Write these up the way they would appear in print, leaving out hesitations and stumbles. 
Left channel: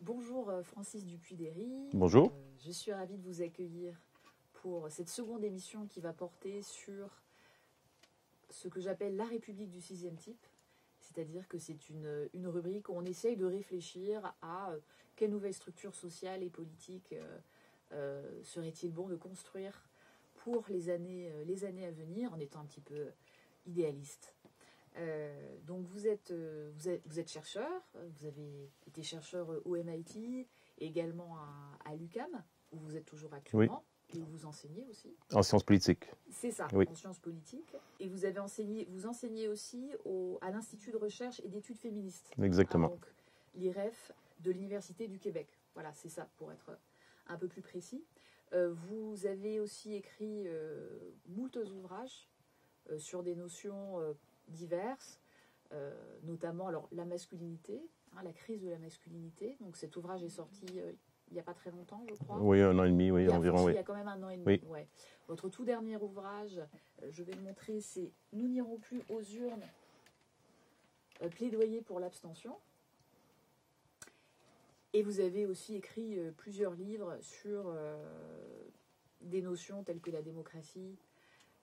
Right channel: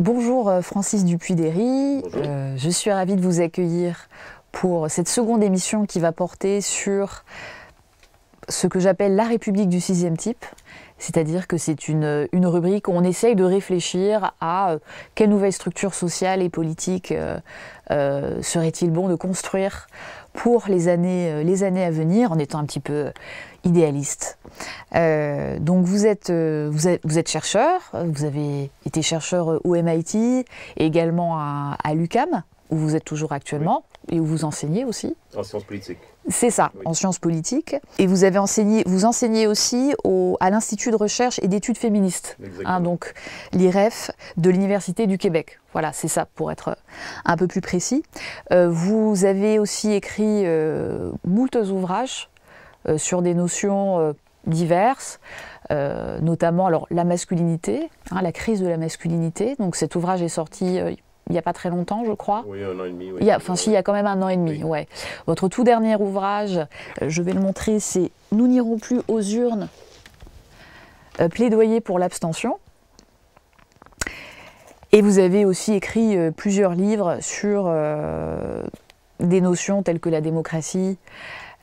Bonjour Francis Dupuy-Derry. Bonjour. Je suis ravie de vous accueillir pour cette seconde émission qui va porter sur ce que j'appelle la République du sixième type. C'est-à-dire que c'est une rubrique où on essaye de réfléchir à quelle nouvelle structure sociale et politique serait-il bon de construire pour les années à venir, en étant un petit peu idéaliste. Donc vous êtes chercheur, vous avez été chercheur au MIT et également à l'UQAM, où vous êtes toujours actuellement, et où vous enseignez aussi. En sciences politiques. C'est ça, Oui. en sciences politiques. Et vous enseignez aussi à l'Institut de recherche et d'études féministes, Exactement. donc l'IREF de l'Université du Québec. Voilà, c'est ça, pour être un peu plus précis. Vous avez aussi écrit moult ouvrages sur des notions diverses, notamment alors, la masculinité, la crise de la masculinité. Donc cet ouvrage est sorti il n'y a pas très longtemps, je crois. Oui, 1 an et demi. Oui, Il y a quand même 1 an et demi. Oui. Ouais. Votre tout dernier ouvrage, je vais le montrer, c'est « Nous n'irons plus aux urnes, plaidoyer pour l'abstention ». Et vous avez aussi écrit plusieurs livres sur des notions telles que la démocratie,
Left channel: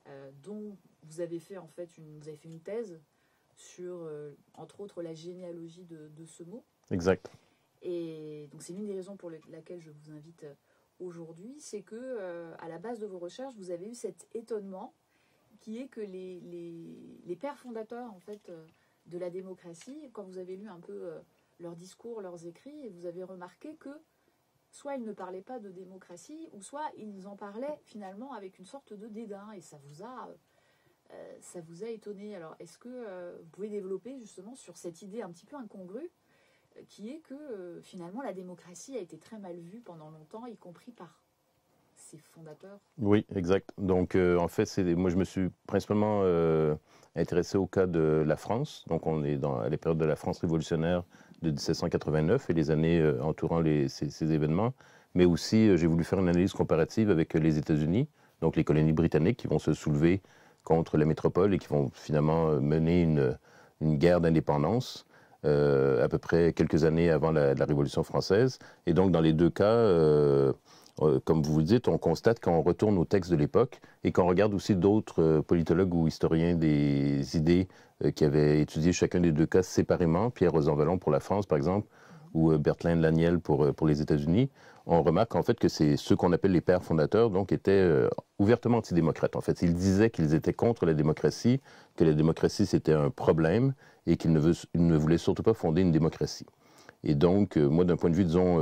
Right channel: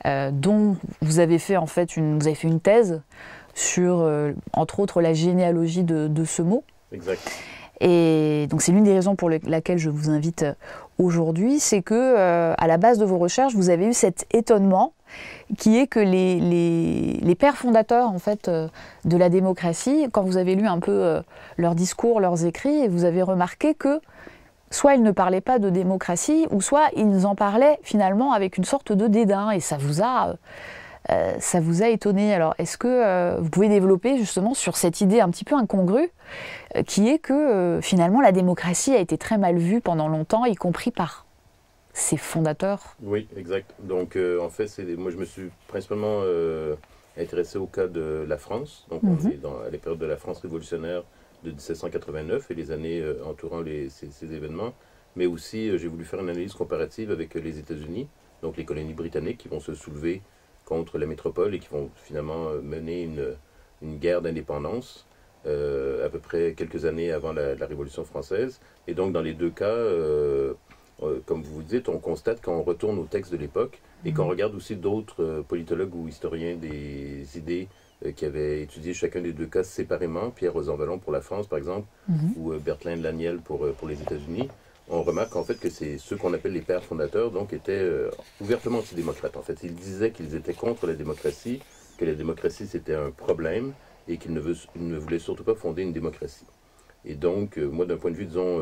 dont vous avez fait en fait une thèse sur, entre autres, la généalogie de ce mot. Exact. Et donc c'est l'une des raisons pour laquelle je vous invite aujourd'hui, c'est que à la base de vos recherches, vous avez eu cet étonnement qui est que les pères fondateurs en fait de la démocratie, quand vous avez lu un peu leurs discours, leurs écrits, vous avez remarqué que soit ils ne parlaient pas de démocratie, ou soit ils en parlaient finalement avec une sorte de dédain, et ça vous a étonné. Alors, est-ce que vous pouvez développer justement sur cette idée un petit peu incongrue, qui est que finalement la démocratie a été très mal vue pendant longtemps, y compris par ses fondateurs? Oui, exact. Donc, en fait, moi, je me suis principalement intéressé au cas de la France. Donc, on est à la période de la France révolutionnaire de 1789 et les années entourant ces événements. Mais aussi, j'ai voulu faire une analyse comparative avec les États-Unis, donc les colonies britanniques qui vont se soulever contre la métropole et qui vont finalement mener une guerre d'indépendance à peu près quelques années avant la Révolution française. Et donc, dans les deux cas, comme vous dites, on constate qu'on retourne au texte de l'époque et qu'on regarde aussi d'autres politologues ou historiens des idées qui avaient étudié chacun des deux cas séparément, Pierre Rosanvallon pour la France, par exemple, ou Bertrand Laniel pour les États-Unis. On remarque en fait que c'est ceux qu'on appelle les pères fondateurs, donc étaient ouvertement antidémocrates. En fait, ils disaient qu'ils étaient contre la démocratie, que la démocratie c'était un problème et qu'ils ne voulaient surtout pas fonder une démocratie. Et donc, moi, d'un point de vue, disons,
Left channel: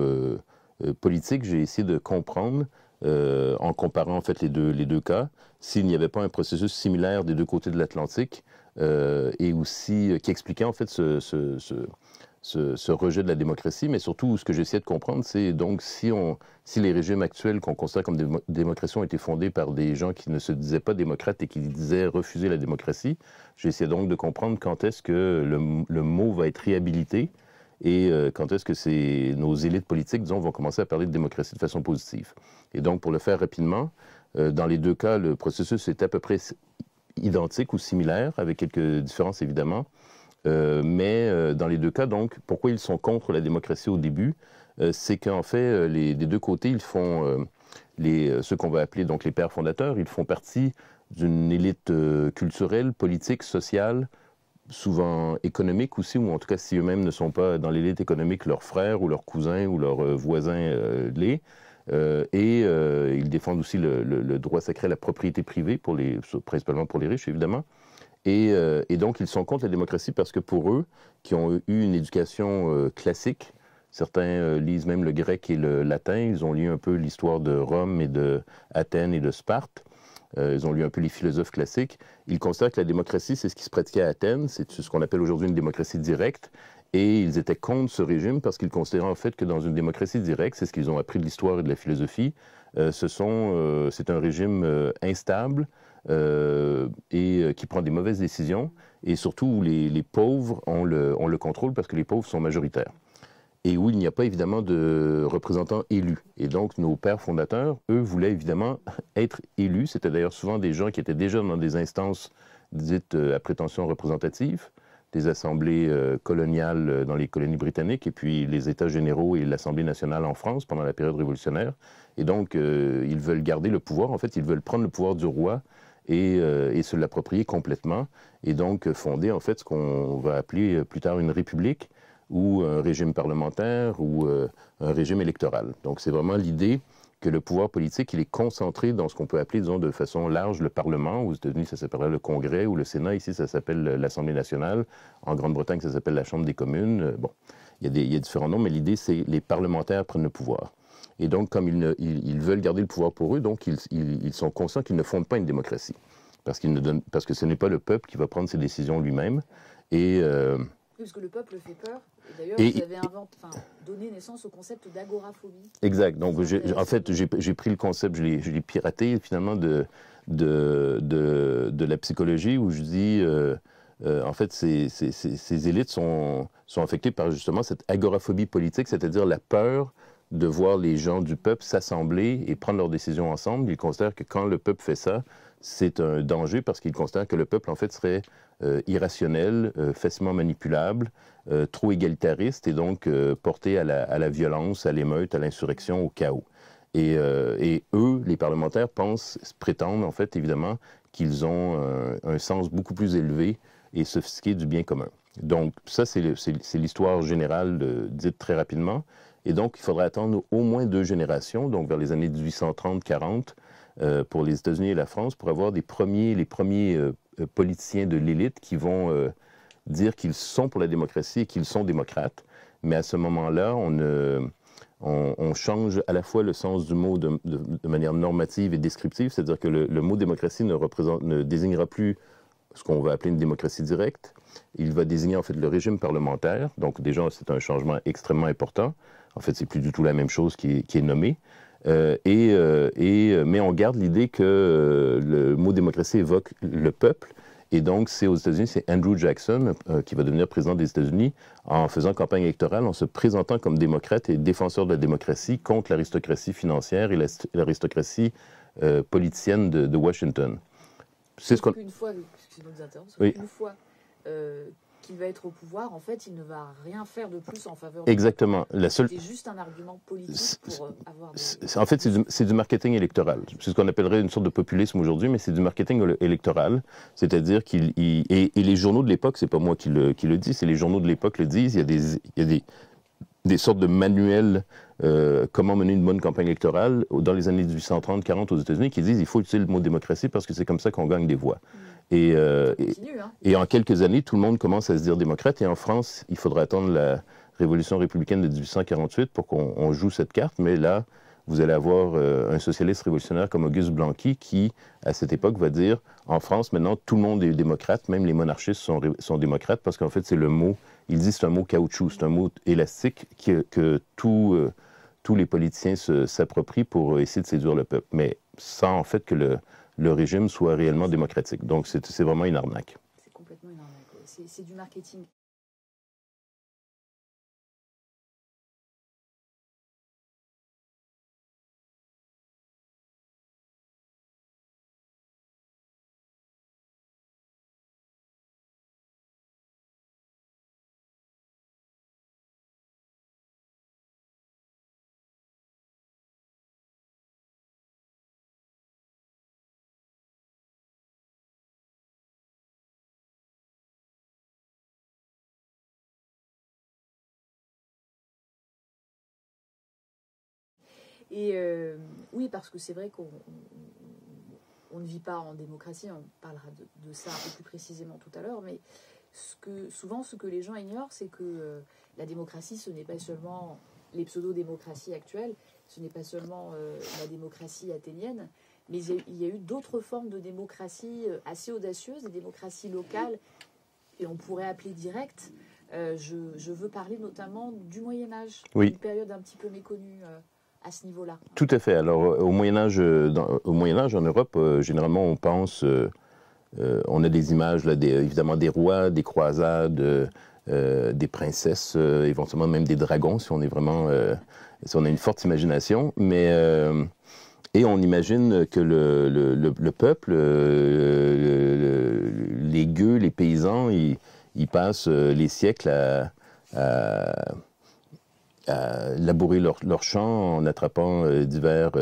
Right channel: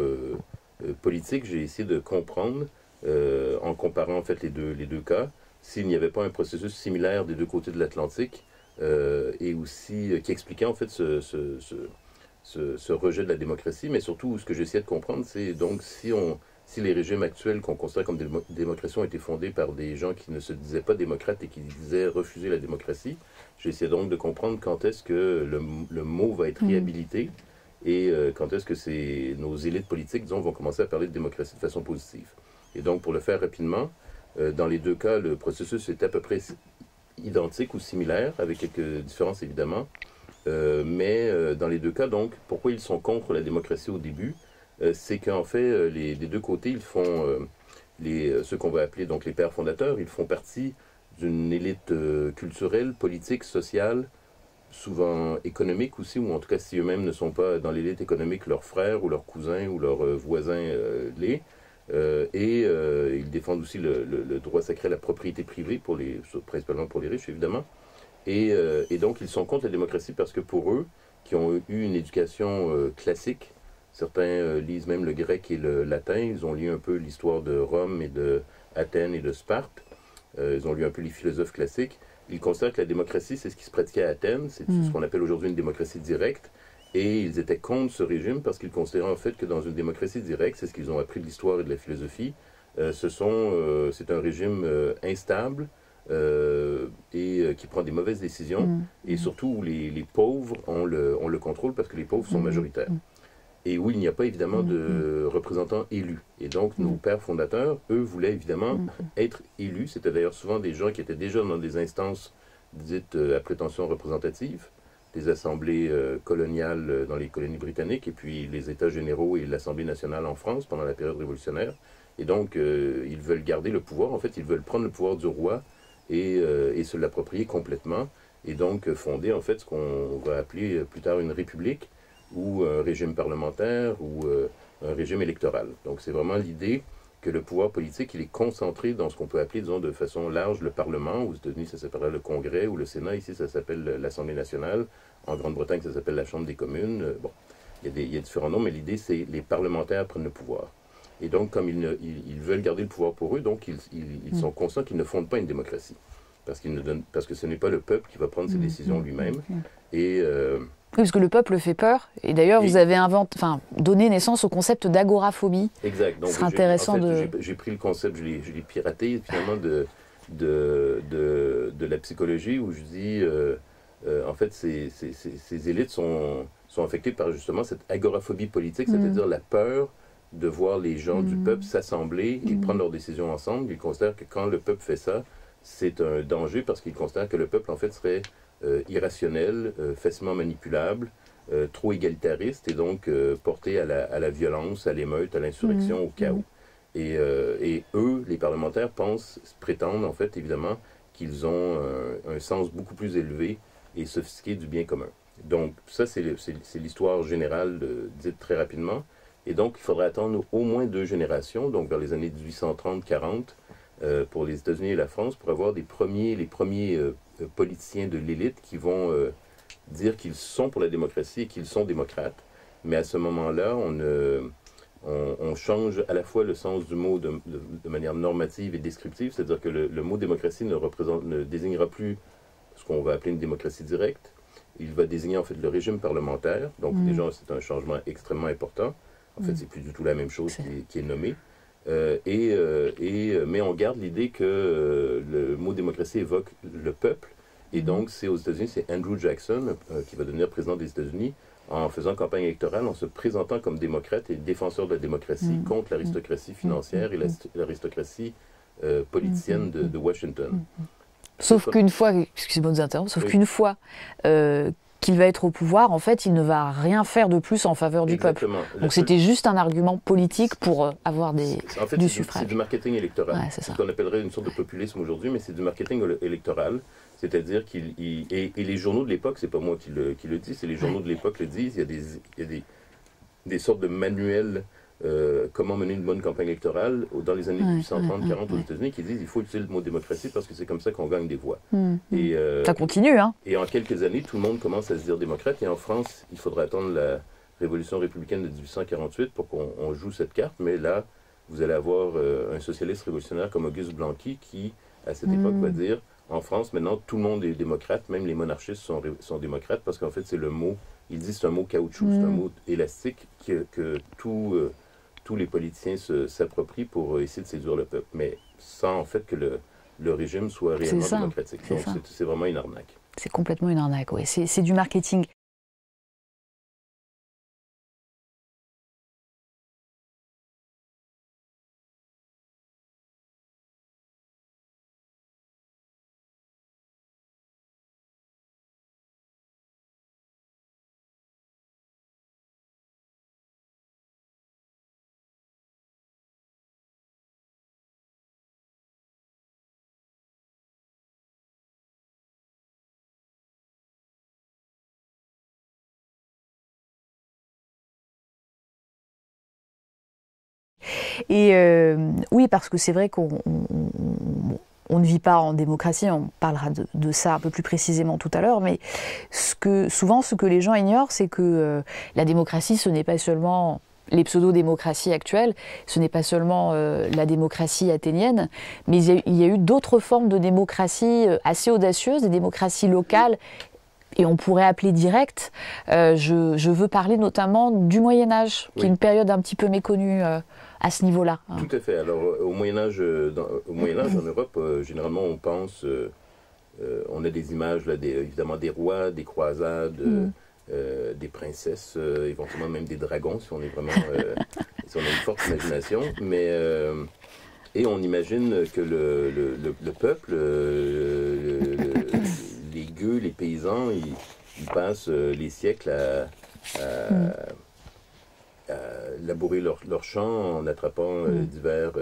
politique, j'ai essayé de comprendre, en comparant en fait les deux cas, s'il n'y avait pas un processus similaire des deux côtés de l'Atlantique, et aussi qui expliquait en fait ce rejet de la démocratie, mais surtout ce que j'essayais de comprendre, c'est donc si les régimes actuels qu'on considère comme des démocraties ont été fondés par des gens qui ne se disaient pas démocrates et qui disaient refuser la démocratie, j'essayais donc de comprendre quand est-ce que le mot va être réhabilité et quand est-ce que nos élites politiques, disons, vont commencer à parler de démocratie de façon positive. Et donc, pour le faire rapidement, dans les deux cas, le processus est à peu près identique ou similaire, avec quelques différences évidemment. Mais dans les deux cas, donc, pourquoi ils sont contre la démocratie au début? C'est qu'en fait, des deux côtés, ils font ce qu'on va appeler donc les pères fondateurs, ils font partie d'une élite culturelle, politique, sociale, souvent économique aussi, ou en tout cas si eux-mêmes ne sont pas dans l'élite économique, leurs frères ou leurs cousins ou leurs voisins l'est. Ils défendent aussi le droit sacré à la propriété privée, principalement pour les riches évidemment. Et donc, ils sont contre la démocratie parce que pour eux, qui ont eu une éducation classique, certains lisent même le grec et le latin, ils ont lu un peu l'histoire de Rome et de Athènes et de Sparte, ils ont lu un peu les philosophes classiques, ils considèrent que la démocratie, c'est ce qui se pratiquait à Athènes, c'est ce qu'on appelle aujourd'hui une démocratie directe, et ils étaient contre ce régime parce qu'ils considéraient en fait que dans une démocratie directe, c'est ce qu'ils ont appris de l'histoire et de la philosophie, c'est un régime instable, et qui prend des mauvaises décisions, et surtout où les pauvres ont le contrôle parce que les pauvres sont majoritaires. Et où il n'y a pas évidemment de représentants élus. Et donc nos pères fondateurs, eux, voulaient évidemment être élus. C'était d'ailleurs souvent des gens qui étaient déjà dans des instances dites à prétention représentative, des assemblées coloniales dans les colonies britanniques, et puis les États généraux et l'Assemblée nationale en France pendant la période révolutionnaire. Et donc, ils veulent garder le pouvoir. En fait, ils veulent prendre le pouvoir du roi et se l'approprier complètement. Et donc, fonder, en fait, ce qu'on va appeler plus tard une république ou un régime parlementaire ou un régime électoral. Donc, c'est vraiment l'idée que le pouvoir politique, il est concentré dans ce qu'on peut appeler, disons, de façon large, le Parlement. Aux États-Unis, ça s'appellerait le Congrès ou le Sénat. Ici, ça s'appelle l'Assemblée nationale. En Grande-Bretagne, ça s'appelle la Chambre des communes. Bon, il y a différents noms, mais l'idée, c'est les parlementaires prennent le pouvoir. Et donc, comme ils veulent garder le pouvoir pour eux, donc ils sont conscients qu'ils ne fondent pas une démocratie. Parce que ce n'est pas le peuple qui va prendre ses décisions lui-même. Et... oui, parce que le peuple fait peur. Et d'ailleurs, vous avez donné naissance au concept d'agoraphobie. Exact. Donc, j'ai pris le concept, je l'ai piraté finalement de la psychologie, où je dis, en fait, ces élites sont affectées par justement cette agoraphobie politique, c'est-à-dire la peur de voir les gens du peuple s'assembler et prendre leurs décisions ensemble. Ils considèrent que quand le peuple fait ça, c'est un danger parce qu'ils considèrent que le peuple, en fait, serait irrationnel, facilement manipulable, trop égalitariste et donc porté à la violence, à l'émeute, à l'insurrection, au chaos. Et eux, les parlementaires, prétendent en fait évidemment qu'ils ont un sens beaucoup plus élevé et sophistiqué du bien commun. Donc ça, c'est l'histoire générale dite très rapidement. Et donc, il faudrait attendre au moins 2 générations, donc vers les années 1830-40, pour les États-Unis et la France, pour avoir les premiers politiciens de l'élite qui vont dire qu'ils sont pour la démocratie et qu'ils sont démocrates. Mais à ce moment-là, on change à la fois le sens du mot de manière normative et descriptive, c'est-à-dire que le mot démocratie ne désignera plus ce qu'on va appeler une démocratie directe. Il va désigner en fait le régime parlementaire. Donc déjà, c'est un changement extrêmement important. En fait, c'est plus du tout la même chose qui est nommée. Mais on garde l'idée que le mot démocratie évoque le peuple. Et donc, c'est aux États-Unis, c'est Andrew Jackson qui va devenir président des États-Unis en faisant campagne électorale, en se présentant comme démocrate et défenseur de la démocratie contre l'aristocratie financière et l'aristocratie politicienne de Washington. Sauf qu'une fois, excusez-moi de vous interrompre, qu'une fois qu'il va être au pouvoir, en fait, il ne va rien faire de plus en faveur du peuple. Donc c'était juste un argument politique pour avoir des En fait, c'est du marketing électoral. Ouais, c'est ce qu'on appellerait une sorte de populisme aujourd'hui, mais c'est du marketing électoral. C'est-à-dire et les journaux de l'époque, c'est pas moi qui le dis, c'est les journaux de l'époque le disent. Il y a des sortes de manuels comment mener une bonne campagne électorale dans les années 1830-40 aux États-Unis qui disent qu'il faut utiliser le mot démocratie parce que c'est comme ça qu'on gagne des voix. Et, ça continue, hein? Et en quelques années, tout le monde commence à se dire démocrate. Et en France, il faudra attendre la Révolution républicaine de 1848 pour qu'on joue cette carte. Mais là, vous allez avoir un socialiste révolutionnaire comme Auguste Blanqui qui, à cette époque, va dire en France, maintenant, tout le monde est démocrate, même les monarchistes sont démocrates parce qu'en fait, c'est le mot, il dit c'est un mot caoutchouc, c'est un mot élastique que tous les politiciens s'approprient pour essayer de séduire le peuple, mais sans en fait que le régime soit réellement démocratique. Donc c'est vraiment une arnaque. C'est complètement une arnaque, oui. C'est du marketing. Et oui, parce que c'est vrai qu'on ne vit pas en démocratie, on parlera de ça un peu plus précisément tout à l'heure, mais souvent ce que les gens ignorent, c'est que la démocratie, ce n'est pas seulement les pseudo-démocraties actuelles, ce n'est pas seulement la démocratie athénienne, mais il y a eu d'autres formes de démocratie assez audacieuses, des démocraties locales, et on pourrait appeler directes. Je veux parler notamment du Moyen-Âge, qui est une période un petit peu méconnue à ce niveau-là. Tout à fait. Alors, au Moyen-Âge en Europe, généralement, on pense... on a des images, là, évidemment, des rois, des croisades, des princesses, éventuellement même des dragons, si on est vraiment... si on a une forte imagination. Mais... et on imagine que le peuple, les gueux, les paysans, ils passent les siècles à labourer leurs champs en attrapant divers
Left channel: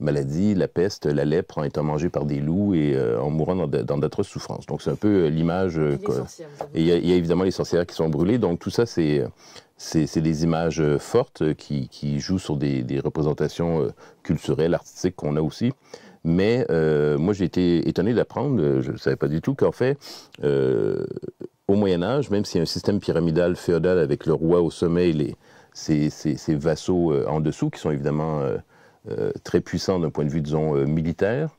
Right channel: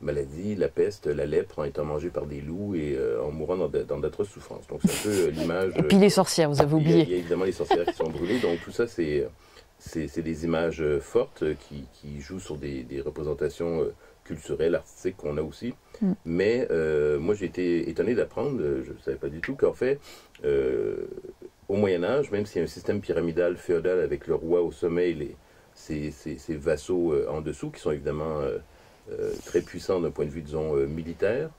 maladies, la peste, la lèpre, en étant mangés par des loups et en mourant dans d'atroces souffrances. Donc c'est un peu l'image... Et puis les sorcières, vous avez oublié. Il y a évidemment les sorcières qui sont brûlées. Donc tout ça, c'est des images fortes qui jouent sur des représentations culturelles, artistiques qu'on a aussi. Mais moi, j'ai été étonné d'apprendre, je ne savais pas du tout, qu'en fait, au Moyen-Âge, même s'il y a un système pyramidal féodal avec le roi au sommet et ses vassaux en dessous, qui sont évidemment très puissants d'un point de vue, disons, militaire,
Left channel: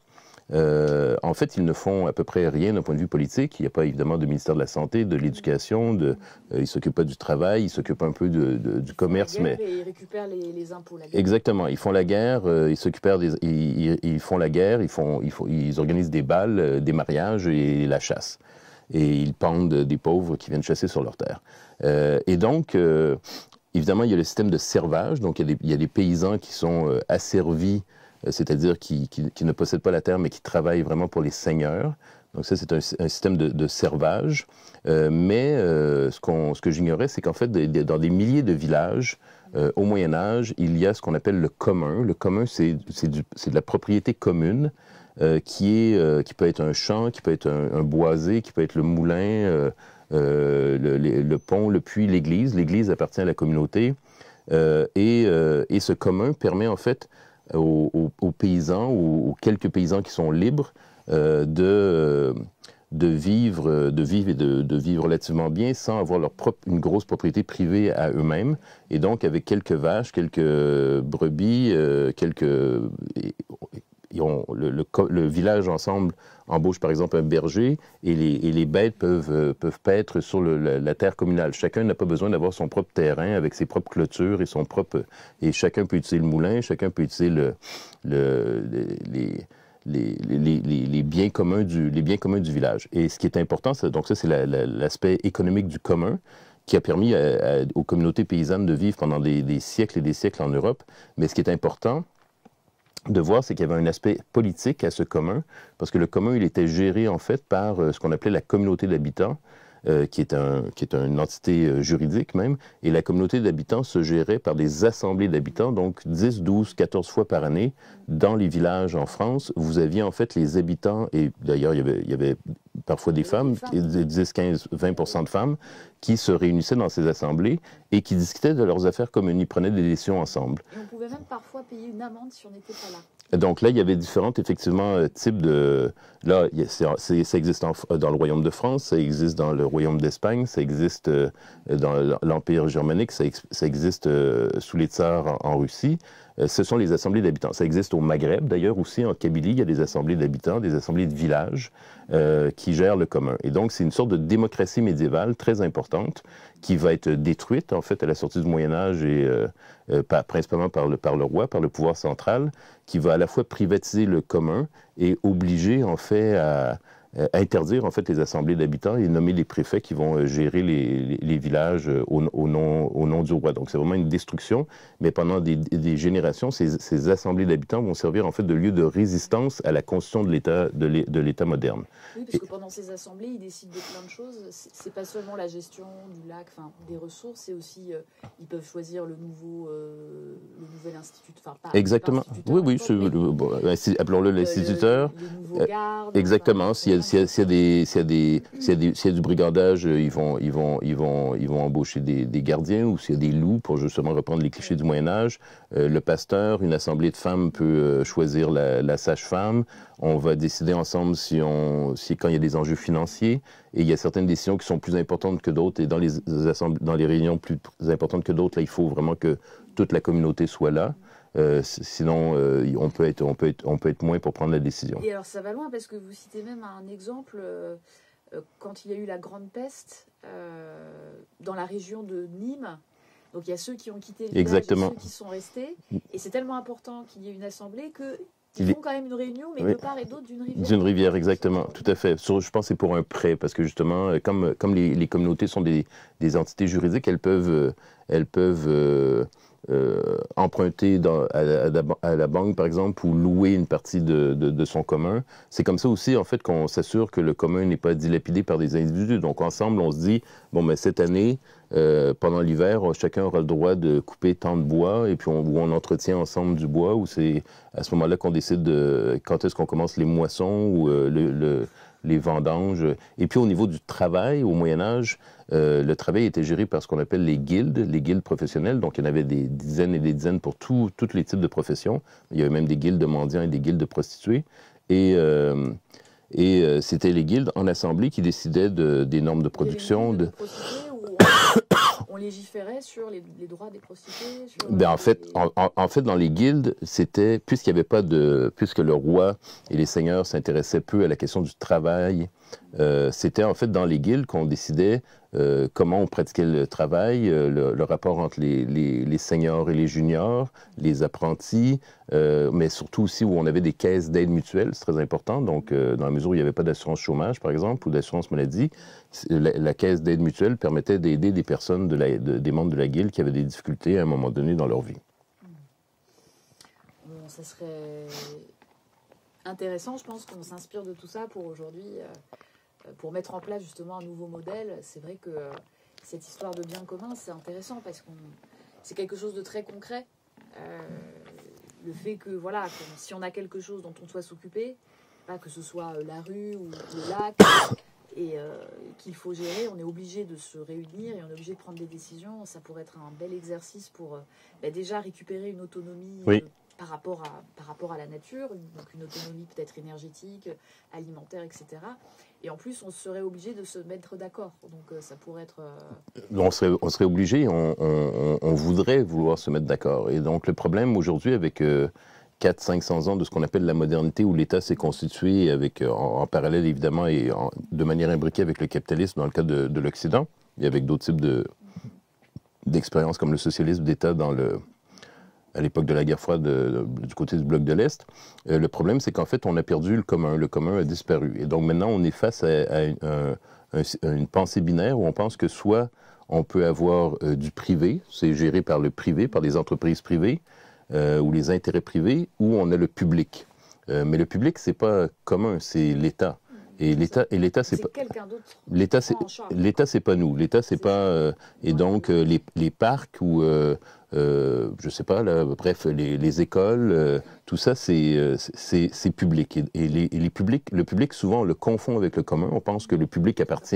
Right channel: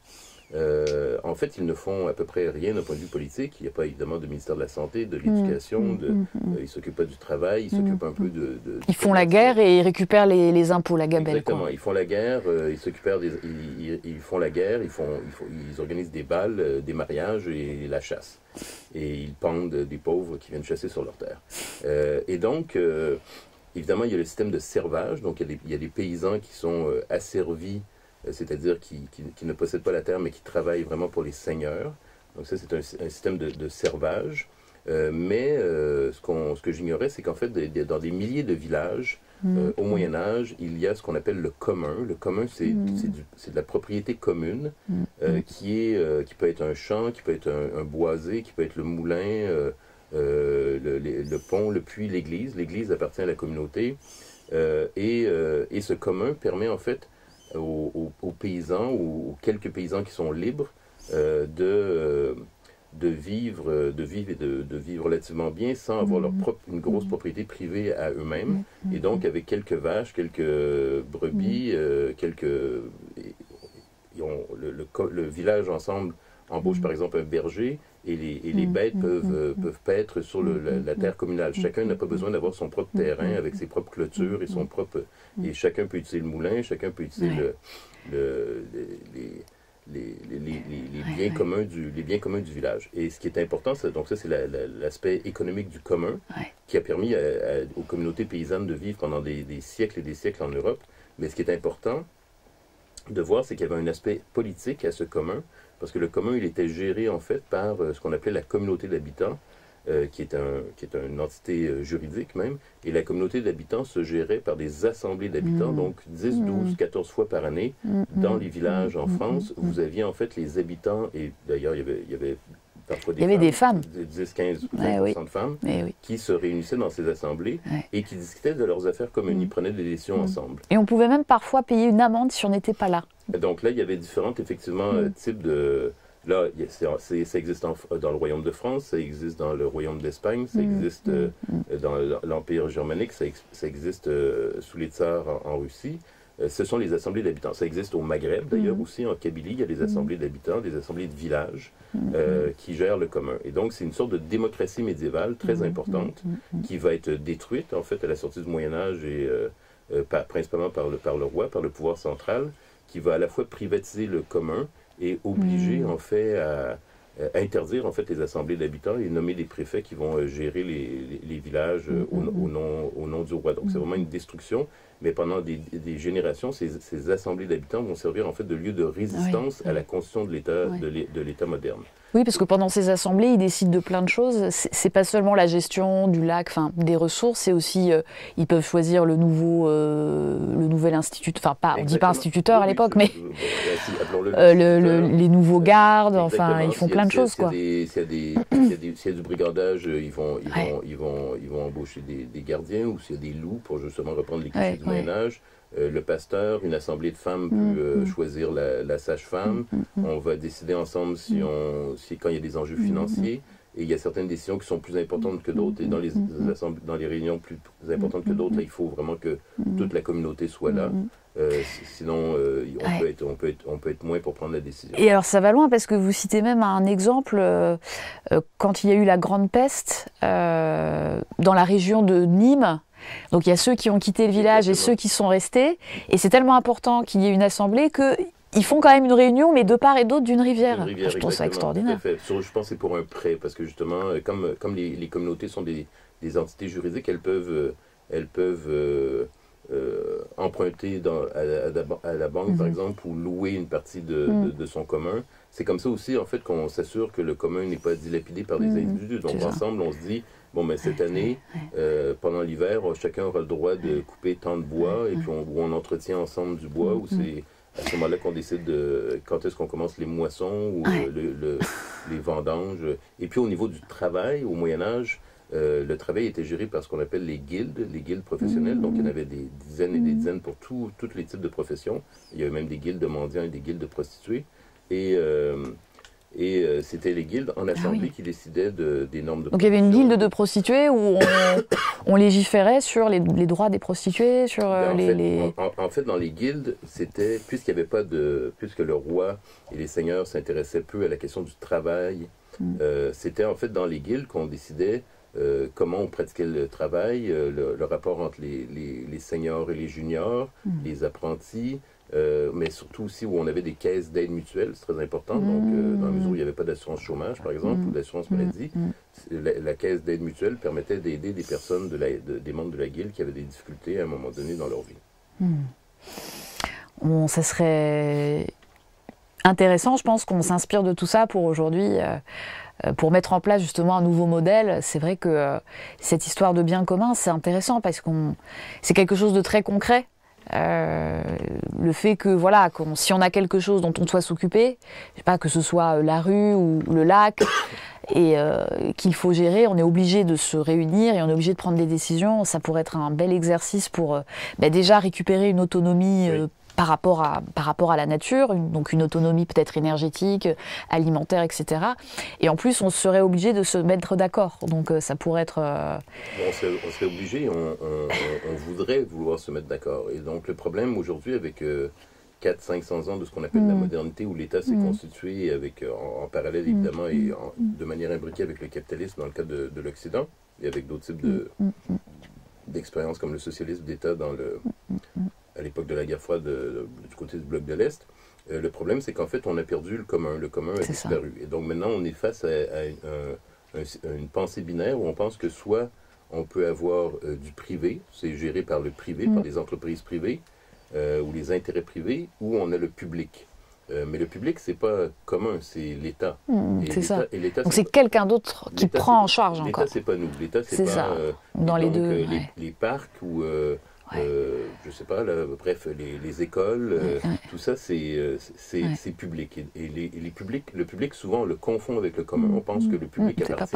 en fait, ils ne font à peu près rien d'un point de vue politique. Il n'y a pas évidemment de ministère de la Santé, de l'Éducation, ils ne s'occupent pas du travail, ils s'occupent un peu du Ils font commerce, la guerre et ils récupèrent les impôts, la guerre. Exactement, ils font la guerre, ils font la guerre, ils organisent des bals, des mariages et la chasse. Et ils pendent des pauvres qui viennent chasser sur leur terre. Et donc, évidemment, il y a le système de servage. Donc, il y a des paysans qui sont asservis, c'est-à-dire qui ne possèdent pas la terre, mais qui travaillent vraiment pour les seigneurs. Donc ça, c'est un système de servage. Mais ce que j'ignorais, c'est qu'en fait, dans des milliers de villages, au Moyen Âge, il y a ce qu'on appelle le commun. Le commun, c'est de la propriété commune, qui peut être un champ, qui peut être un boisé, qui peut être le moulin, le pont, le puits, l'église. L'église appartient à la communauté. Et ce commun permet en fait aux paysans, aux quelques paysans qui sont libres, de vivre et de vivre relativement bien sans avoir une grosse propriété privée à eux-mêmes. Et donc, avec quelques vaches, quelques brebis, le village ensemble embauche par exemple un berger et les bêtes peuvent paître sur la terre communale. Chacun n'a pas besoin d'avoir son propre terrain avec ses propres clôtures et son propre... Et chacun peut utiliser le moulin, chacun peut utiliser les biens communs du village. Et ce qui est important, donc ça c'est l'aspect économique du commun qui a permis aux communautés paysannes de vivre pendant des siècles et des siècles en Europe. Mais ce qui est important de voir, c'est qu'il y avait un aspect politique à ce commun, parce que le commun, il était géré en fait par ce qu'on appelait la communauté d'habitants, qui est une entité juridique même, et la communauté d'habitants se gérait par des assemblées d'habitants, donc 10, 12, 14 fois par année, dans les villages en France, vous aviez en fait les habitants, et d'ailleurs il y avait parfois des femmes, 10, 15, 20% de femmes, qui se réunissaient dans ces assemblées et qui discutaient de leurs affaires communes, ils prenaient des décisions ensemble. Et on pouvait même parfois payer une amende si on n'était pas là. Donc là, il y avait différents, effectivement, types de... Là, ça existe dans le Royaume de France, ça existe dans le Royaume d'Espagne, ça existe dans l'Empire germanique, ça existe sous les tsars en Russie. Ce sont les assemblées d'habitants. Ça existe au Maghreb, d'ailleurs, aussi en Kabylie, il y a des assemblées d'habitants, des assemblées de villages qui gèrent le commun. Et donc, c'est une sorte de démocratie médiévale très importante qui va être détruite, en fait, à la sortie du Moyen-Âge et principalement par le roi, par le pouvoir central, qui va à la fois privatiser le commun et obliger, en fait, à interdire en fait les assemblées d'habitants et nommer les préfets qui vont gérer les villages au nom du roi. Donc c'est vraiment une destruction, mais pendant des générations, ces assemblées d'habitants vont servir en fait de lieu de résistance à la construction de l'État moderne. Oui, parce que pendant ces assemblées, ils décident de plein de choses. C'est pas seulement la gestion du lac, enfin des ressources, c'est aussi ils peuvent choisir le nouvel instituteur, enfin pas instituteur à l'époque, mais appelons-le l'instituteur. Les nouveaux gardes. Exactement. Enfin, ils font plein de choses. S'il y a du brigandage, ils vont embaucher des gardiens, ou s'il y a des loups, pour justement reprendre les clichés du Moyen Âge. Le pasteur, une assemblée de femmes peut choisir la sage-femme. On va décider ensemble quand il y a des enjeux financiers. Et il y a certaines décisions qui sont plus importantes que d'autres. Et dans les réunions plus importantes que d'autres, il faut vraiment que toute la communauté soit là. Sinon, on peut être moins pour prendre la décision. Et alors, ça va loin parce que vous citez même un exemple, quand il y a eu la Grande Peste dans la région de Nîmes. Donc, il y a ceux qui ont quitté le village et ceux qui sont restés. Et c'est tellement important qu'il y ait une assemblée qu'ils font quand même une réunion, mais de part et d'autre d'une rivière. D'une rivière, exactement, tout à fait. Je pense que c'est pour un prêt, parce que justement, comme les communautés sont des entités juridiques, elles peuvent emprunter à la banque, par exemple, ou louer une partie de son commun. C'est comme ça aussi, en fait, qu'on s'assure que le commun n'est pas dilapidé par des individus. Donc, ensemble, on se dit, bon, mais cette année, pendant l'hiver, chacun aura le droit de couper tant de bois, et puis on entretient ensemble du bois, ou c'est à ce moment-là qu'on décide de quand est-ce qu'on commence les moissons ou les vendanges. Et puis, au niveau du travail, au Moyen-Âge, le travail était géré par ce qu'on appelle les guildes professionnelles. Donc, il y en avait des dizaines et des dizaines pour tous les types de professions. Il y avait même des guildes de mendiants et des guildes de prostituées. Et c'était les guildes en assemblée qui décidaient des normes de production. Donc, il y avait une guilde de prostituées où on légiférait sur les droits des prostituées, sur en fait, dans les guildes, c'était, puisque le roi et les seigneurs s'intéressaient peu à la question du travail, c'était en fait dans les guildes qu'on décidait comment on pratiquait le travail, le rapport entre les seniors et les juniors, les apprentis, mais surtout aussi où on avait des caisses d'aide mutuelle, c'est très important. Donc, dans la mesure où il n'y avait pas d'assurance chômage, par exemple, ou d'assurance maladie, la caisse d'aide mutuelle permettait d'aider des personnes, des membres de la guilde qui avaient des difficultés à un moment donné dans leur vie. Ça serait intéressant, je pense qu'on s'inspire de tout ça pour aujourd'hui. Pour mettre en place justement un nouveau modèle. C'est vrai que cette histoire de bien commun, c'est intéressant parce que c'est quelque chose de très concret. Le fait que voilà, si on a quelque chose dont on doit s'occuper, je sais pas, que ce soit la rue ou le lac, et qu'il faut gérer, on est obligé de se réunir et on est obligé de prendre des décisions. Ça pourrait être un bel exercice pour déjà récupérer une autonomie par rapport à la nature, donc une autonomie peut-être énergétique, alimentaire, etc. Et en plus, on serait obligé de se mettre d'accord. Donc ça pourrait être... On serait obligé, on voudrait vouloir se mettre d'accord. Et donc le problème aujourd'hui avec 400-500 ans de ce qu'on appelle la modernité, où l'État s'est constitué avec, en parallèle évidemment et de manière imbriquée avec le capitalisme dans le cas de l'Occident, et avec d'autres types d'expériences comme le socialisme d'État à l'époque de la guerre froide du côté du bloc de l'Est. Le problème, c'est qu'en fait, on a perdu le commun. Le commun a disparu. Et donc maintenant, on est face à une pensée binaire où on pense que soit on peut avoir du privé, c'est géré par le privé, par des entreprises privées, ou les intérêts privés, ou on a le public. Mais le public, c'est pas commun, c'est l'État. Et l'État, c'est quelqu'un d'autre qui prend en charge. L'État, c'est pas nous. L'État, c'est pas... et donc, les parcs ou... je sais pas, là, bref, les écoles, tout ça, c'est public. Et le public, souvent, on le confond avec le commun. On pense que le public appartient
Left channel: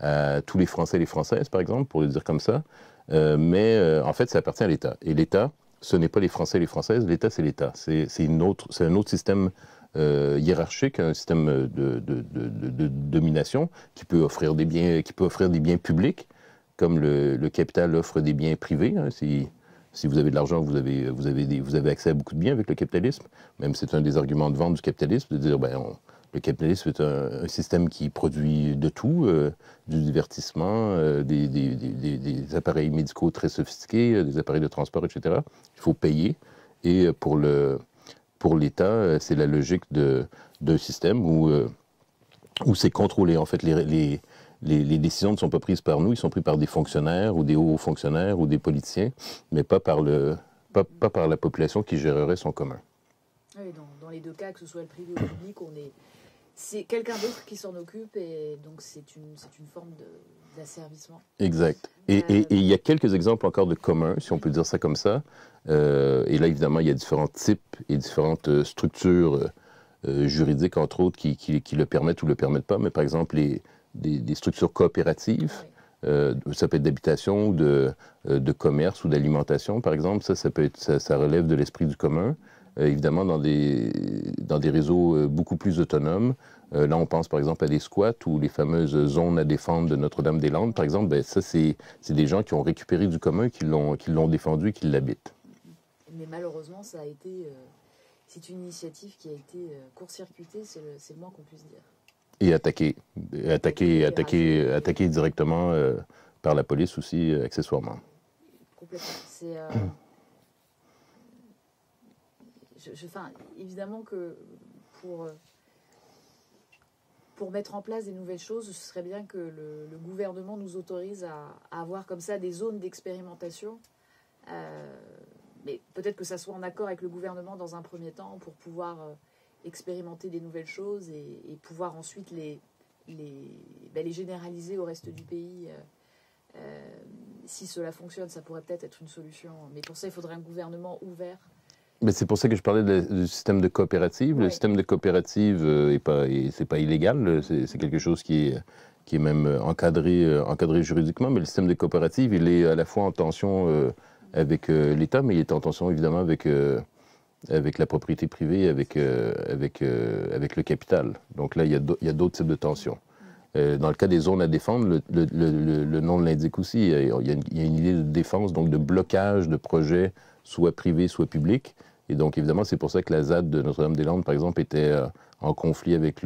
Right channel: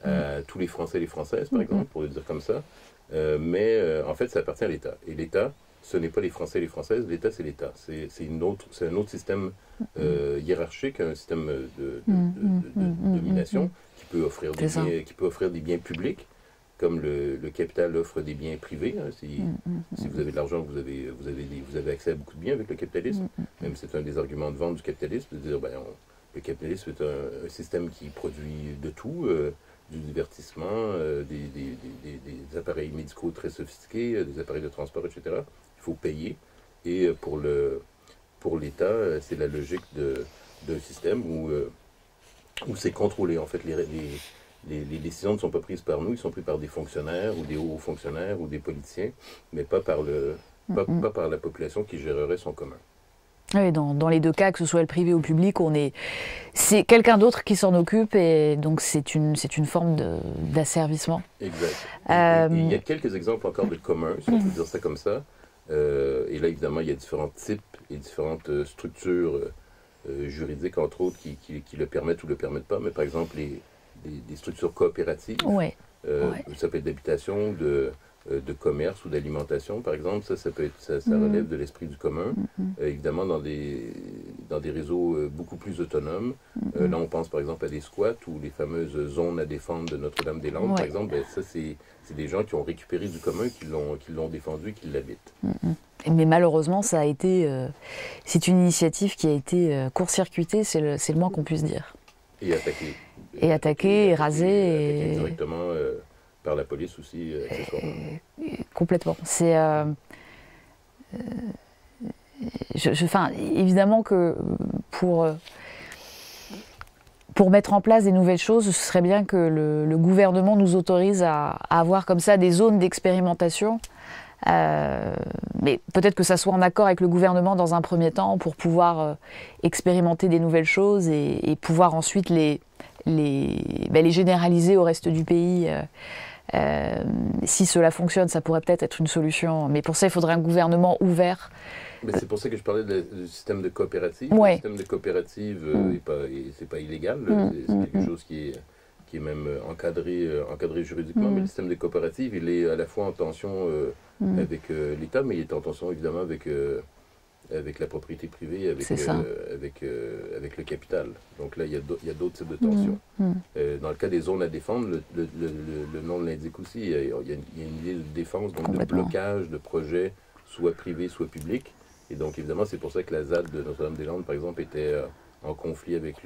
à tous les Français et les Françaises, par exemple, pour le dire comme ça. Mais en fait, ça appartient à l'État. Et l'État, ce n'est pas les Français et les Françaises, l'État, c'est l'État. C'est un autre système hiérarchique, un système de domination qui peut offrir des biens publics, comme le capital offre des biens privés. Hein. Si vous avez de l'argent, vous avez accès à beaucoup de biens avec le capitalisme. Même c'est un des arguments de vente du capitalisme, de dire le capitalisme est un système qui produit de tout, du divertissement, des appareils médicaux très sophistiqués, des appareils de transport, etc. Il faut payer. Et pour l'État, c'est la logique d'un système où c'est contrôlé. En fait, les décisions ne sont pas prises par nous, ils sont prises par des fonctionnaires ou des hauts fonctionnaires ou des politiciens, mais pas par la population qui gérerait son commun. Oui, dans les deux cas, que ce soit le privé ou le public, c'est quelqu'un d'autre qui s'en occupe et donc c'est une forme d'asservissement. Exact. Et il y a quelques exemples encore de communs, si on peut dire ça comme ça. Et là, évidemment, il y a différents types et différentes structures juridiques, entre autres, qui le permettent ou le permettent pas. Mais par exemple, des structures coopératives. Ça peut être d'habitation, de commerce ou d'alimentation, par exemple. Ça relève de l'esprit du commun. Évidemment, dans des réseaux beaucoup plus autonomes. Là, on pense par exemple à des squats ou les fameuses zones à défendre de Notre-Dame-des-Landes, par exemple. Ça, c'est des gens qui ont récupéré du commun, qui l'ont défendu et qui l'habitent. Mais malheureusement, c'est une initiative qui a été court-circuitée, c'est le moins qu'on puisse dire. Et attaqué directement par la police aussi, accessoirement. Complètement. Évidemment que pour mettre en place des nouvelles choses, ce serait bien que le gouvernement nous autorise à avoir comme ça des zones d'expérimentation Mais peut-être que ça soit en accord avec le gouvernement dans un premier temps pour pouvoir expérimenter des nouvelles choses et pouvoir ensuite les généraliser au reste du pays. Si cela fonctionne, ça pourrait peut-être être une solution. Mais pour ça, il faudrait un gouvernement ouvert. Mais c'est pour ça que je parlais du système de coopérative. Ouais. Le système de coopérative, c'est pas illégal. C'est quelque chose qui est même encadré juridiquement. Mais le système de coopérative, il est à la fois en tension avec l'État, mais il est en tension évidemment avec la propriété privée, avec le capital. Donc là, il y a d'autres types de tensions. Dans le cas des zones à défendre, le nom l'indique aussi. Il y a une idée de défense, donc de blocage de projets, soit privés, soit publics. Et donc, évidemment, c'est pour ça que la ZAD de Notre-Dame-des-Landes, par exemple, était en conflit avec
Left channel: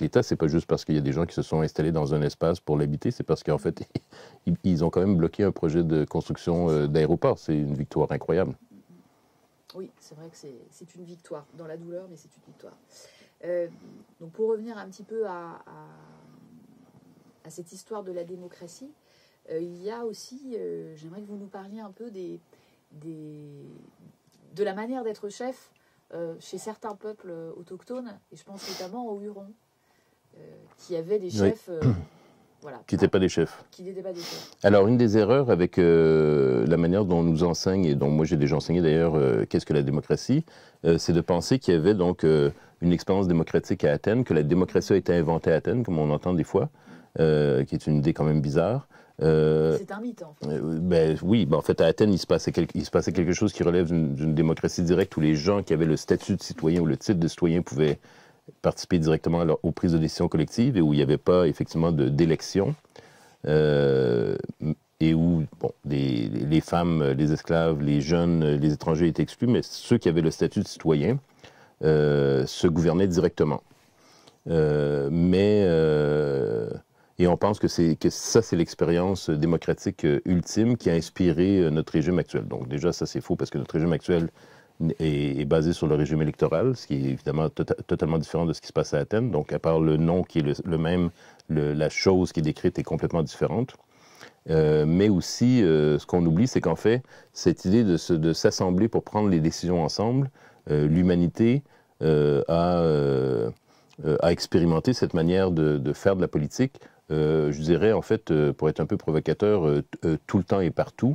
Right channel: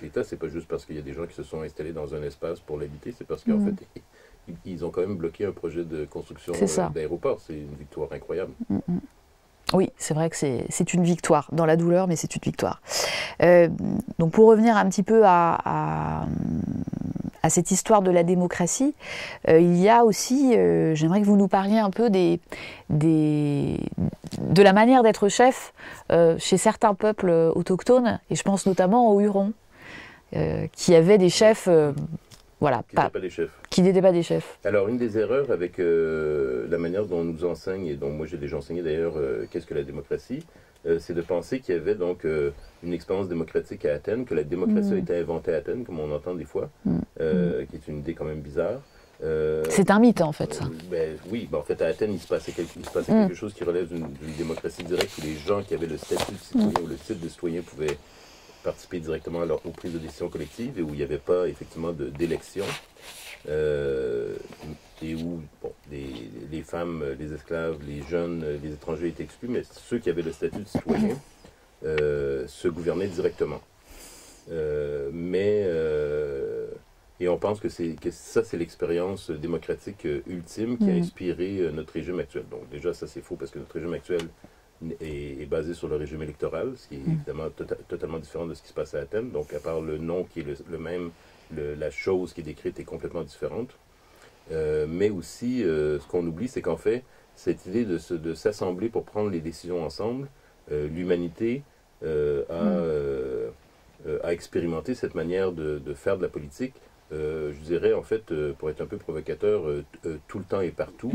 l'État. C'est pas juste parce qu'il y a des gens qui se sont installés dans un espace pour l'habiter, c'est parce qu'en fait, ils ont quand même bloqué un projet de construction d'aéroport. C'est une victoire incroyable. Oui, c'est vrai que c'est une victoire, dans la douleur, mais c'est une victoire. Donc pour revenir un petit peu à cette histoire de la démocratie, il y a aussi, j'aimerais que vous nous parliez un peu de la manière d'être chef chez certains peuples autochtones, et je pense notamment aux Hurons, qui avaient des chefs... Voilà, qui n'étaient pas des chefs. Qui n'étaient pas des chefs. Alors, une des erreurs avec la manière dont on nous enseigne, et dont moi j'ai déjà enseigné d'ailleurs, qu'est-ce que la démocratie, c'est de penser qu'il y avait donc une expérience démocratique à Athènes, que la démocratie a été inventée à Athènes, comme on entend des fois, qui est une idée quand même bizarre. C'est un mythe, en fait. Oui, en fait, à Athènes, il se passait quelque chose qui relève d'une démocratie directe, où les gens qui avaient le statut de citoyen ou le titre de citoyen pouvaient participer directement aux prises de décision collectives et où il n'y avait pas effectivement d'élection et où les femmes, les esclaves, les jeunes, les étrangers étaient exclus, mais ceux qui avaient le statut de citoyen se gouvernaient directement. Et on pense que ça, c'est l'expérience démocratique ultime qui a inspiré notre régime actuel. Donc déjà, ça c'est faux parce que notre régime actuel est basé sur le régime électoral, ce qui est évidemment totalement différent de ce qui se passe à Athènes. Donc, à part le nom qui est le même, la chose qui est décrite est complètement différente. Mais aussi, ce qu'on oublie, c'est qu'en fait, cette idée de s'assembler pour prendre les décisions ensemble, l'humanité a expérimenté cette manière de faire de la politique, je dirais, en fait, pour être un peu provocateur, tout le temps et partout.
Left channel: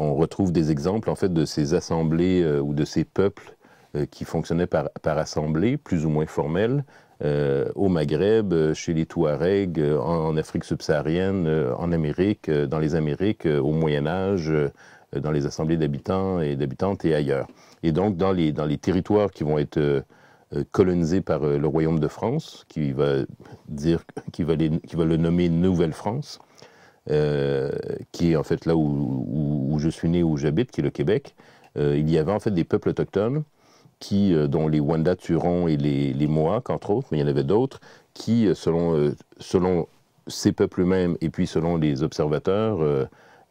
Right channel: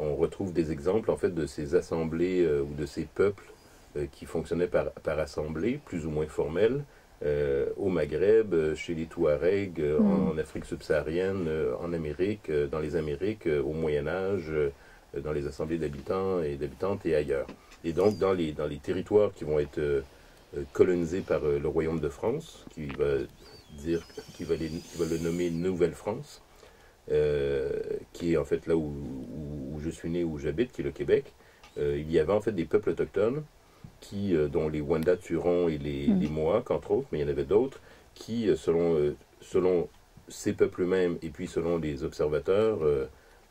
On retrouve des exemples en fait de ces assemblées ou de ces peuples qui fonctionnaient par assemblée, plus ou moins formelles, au Maghreb, chez les Touaregs, en Afrique subsaharienne, en Amérique, dans les Amériques, au Moyen Âge, dans les assemblées d'habitants et d'habitantes et ailleurs. Et donc dans les territoires qui vont être colonisés par le Royaume de France, qui va le nommer Nouvelle-France, qui est en fait là où je suis né, où j'habite, qui est le Québec. Il y avait en fait des peuples autochtones, dont les Wendat, Hurons et les Mohawks, entre autres, mais il y en avait d'autres, qui, selon ces peuples eux-mêmes, et puis selon les observateurs,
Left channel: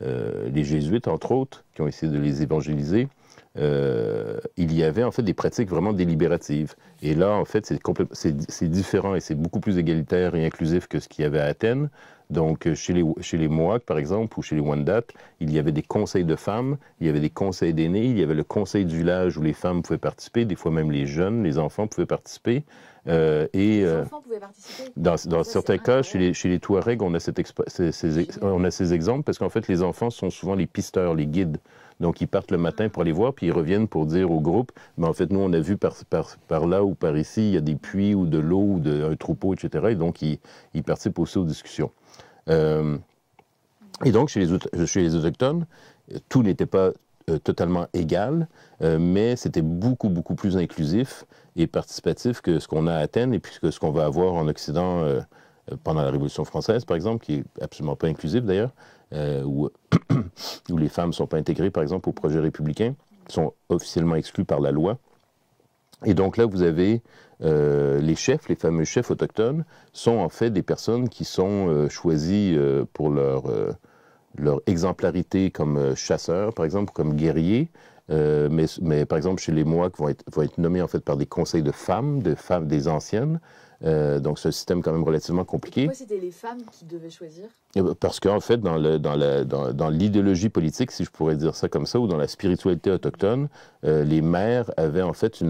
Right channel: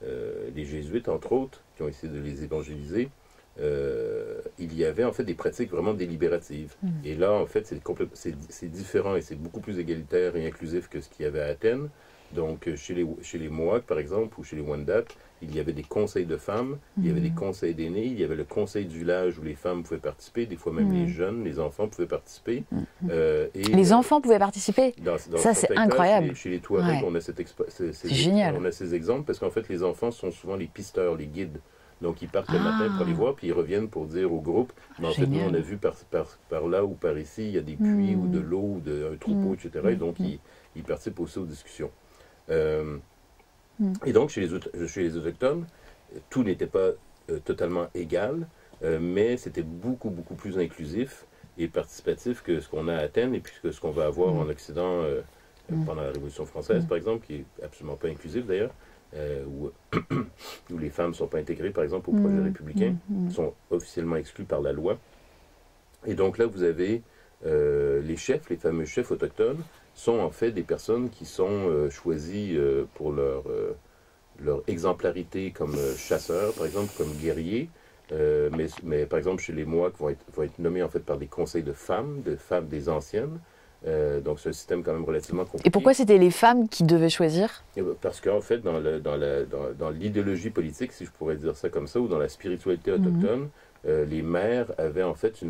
les jésuites, entre autres, qui ont essayé de les évangéliser, il y avait en fait des pratiques vraiment délibératives. Et là, en fait, c'est différent et c'est beaucoup plus égalitaire et inclusif que ce qu'il y avait à Athènes. Donc, chez les Mohawks, par exemple, ou chez les Wendat, il y avait des conseils de femmes, il y avait des conseils d'aînés, il y avait le conseil du village où les femmes pouvaient participer, des fois même les jeunes, les enfants pouvaient participer. Les enfants pouvaient participer? Dans certains cas, chez les Touaregs, on a ces exemples, parce qu'en fait, les enfants sont souvent les pisteurs, les guides. Donc, ils partent le matin pour les voir, puis ils reviennent pour dire au groupe, mais en fait, nous, on a vu par là ou par ici, il y a des puits ou de l'eau ou un troupeau, etc. Et donc, ils participent aussi aux discussions. Et donc, chez les Autochtones, tout n'était pas totalement égal, mais c'était beaucoup, beaucoup plus inclusif et participatif que ce qu'on a à Athènes et puis que ce qu'on va avoir en Occident pendant la Révolution française, par exemple, qui est absolument pas inclusif d'ailleurs, où les femmes ne sont pas intégrées, par exemple, au projet républicain, sont officiellement exclues par la loi. Et donc là, vous avez les chefs, les fameux chefs autochtones, sont en fait des personnes qui sont choisies pour leur exemplarité comme chasseurs, par exemple, comme guerriers. Mais par exemple, chez les Mohawks, vont être nommés en fait par des conseils de femmes, des anciennes, Donc c'est un système quand même relativement compliqué. Et pourquoi c'était les femmes qui devaient choisir? Parce qu'en fait, dans l'idéologie politique, si je pourrais dire ça comme ça, ou dans la spiritualité autochtone, les mères avaient en fait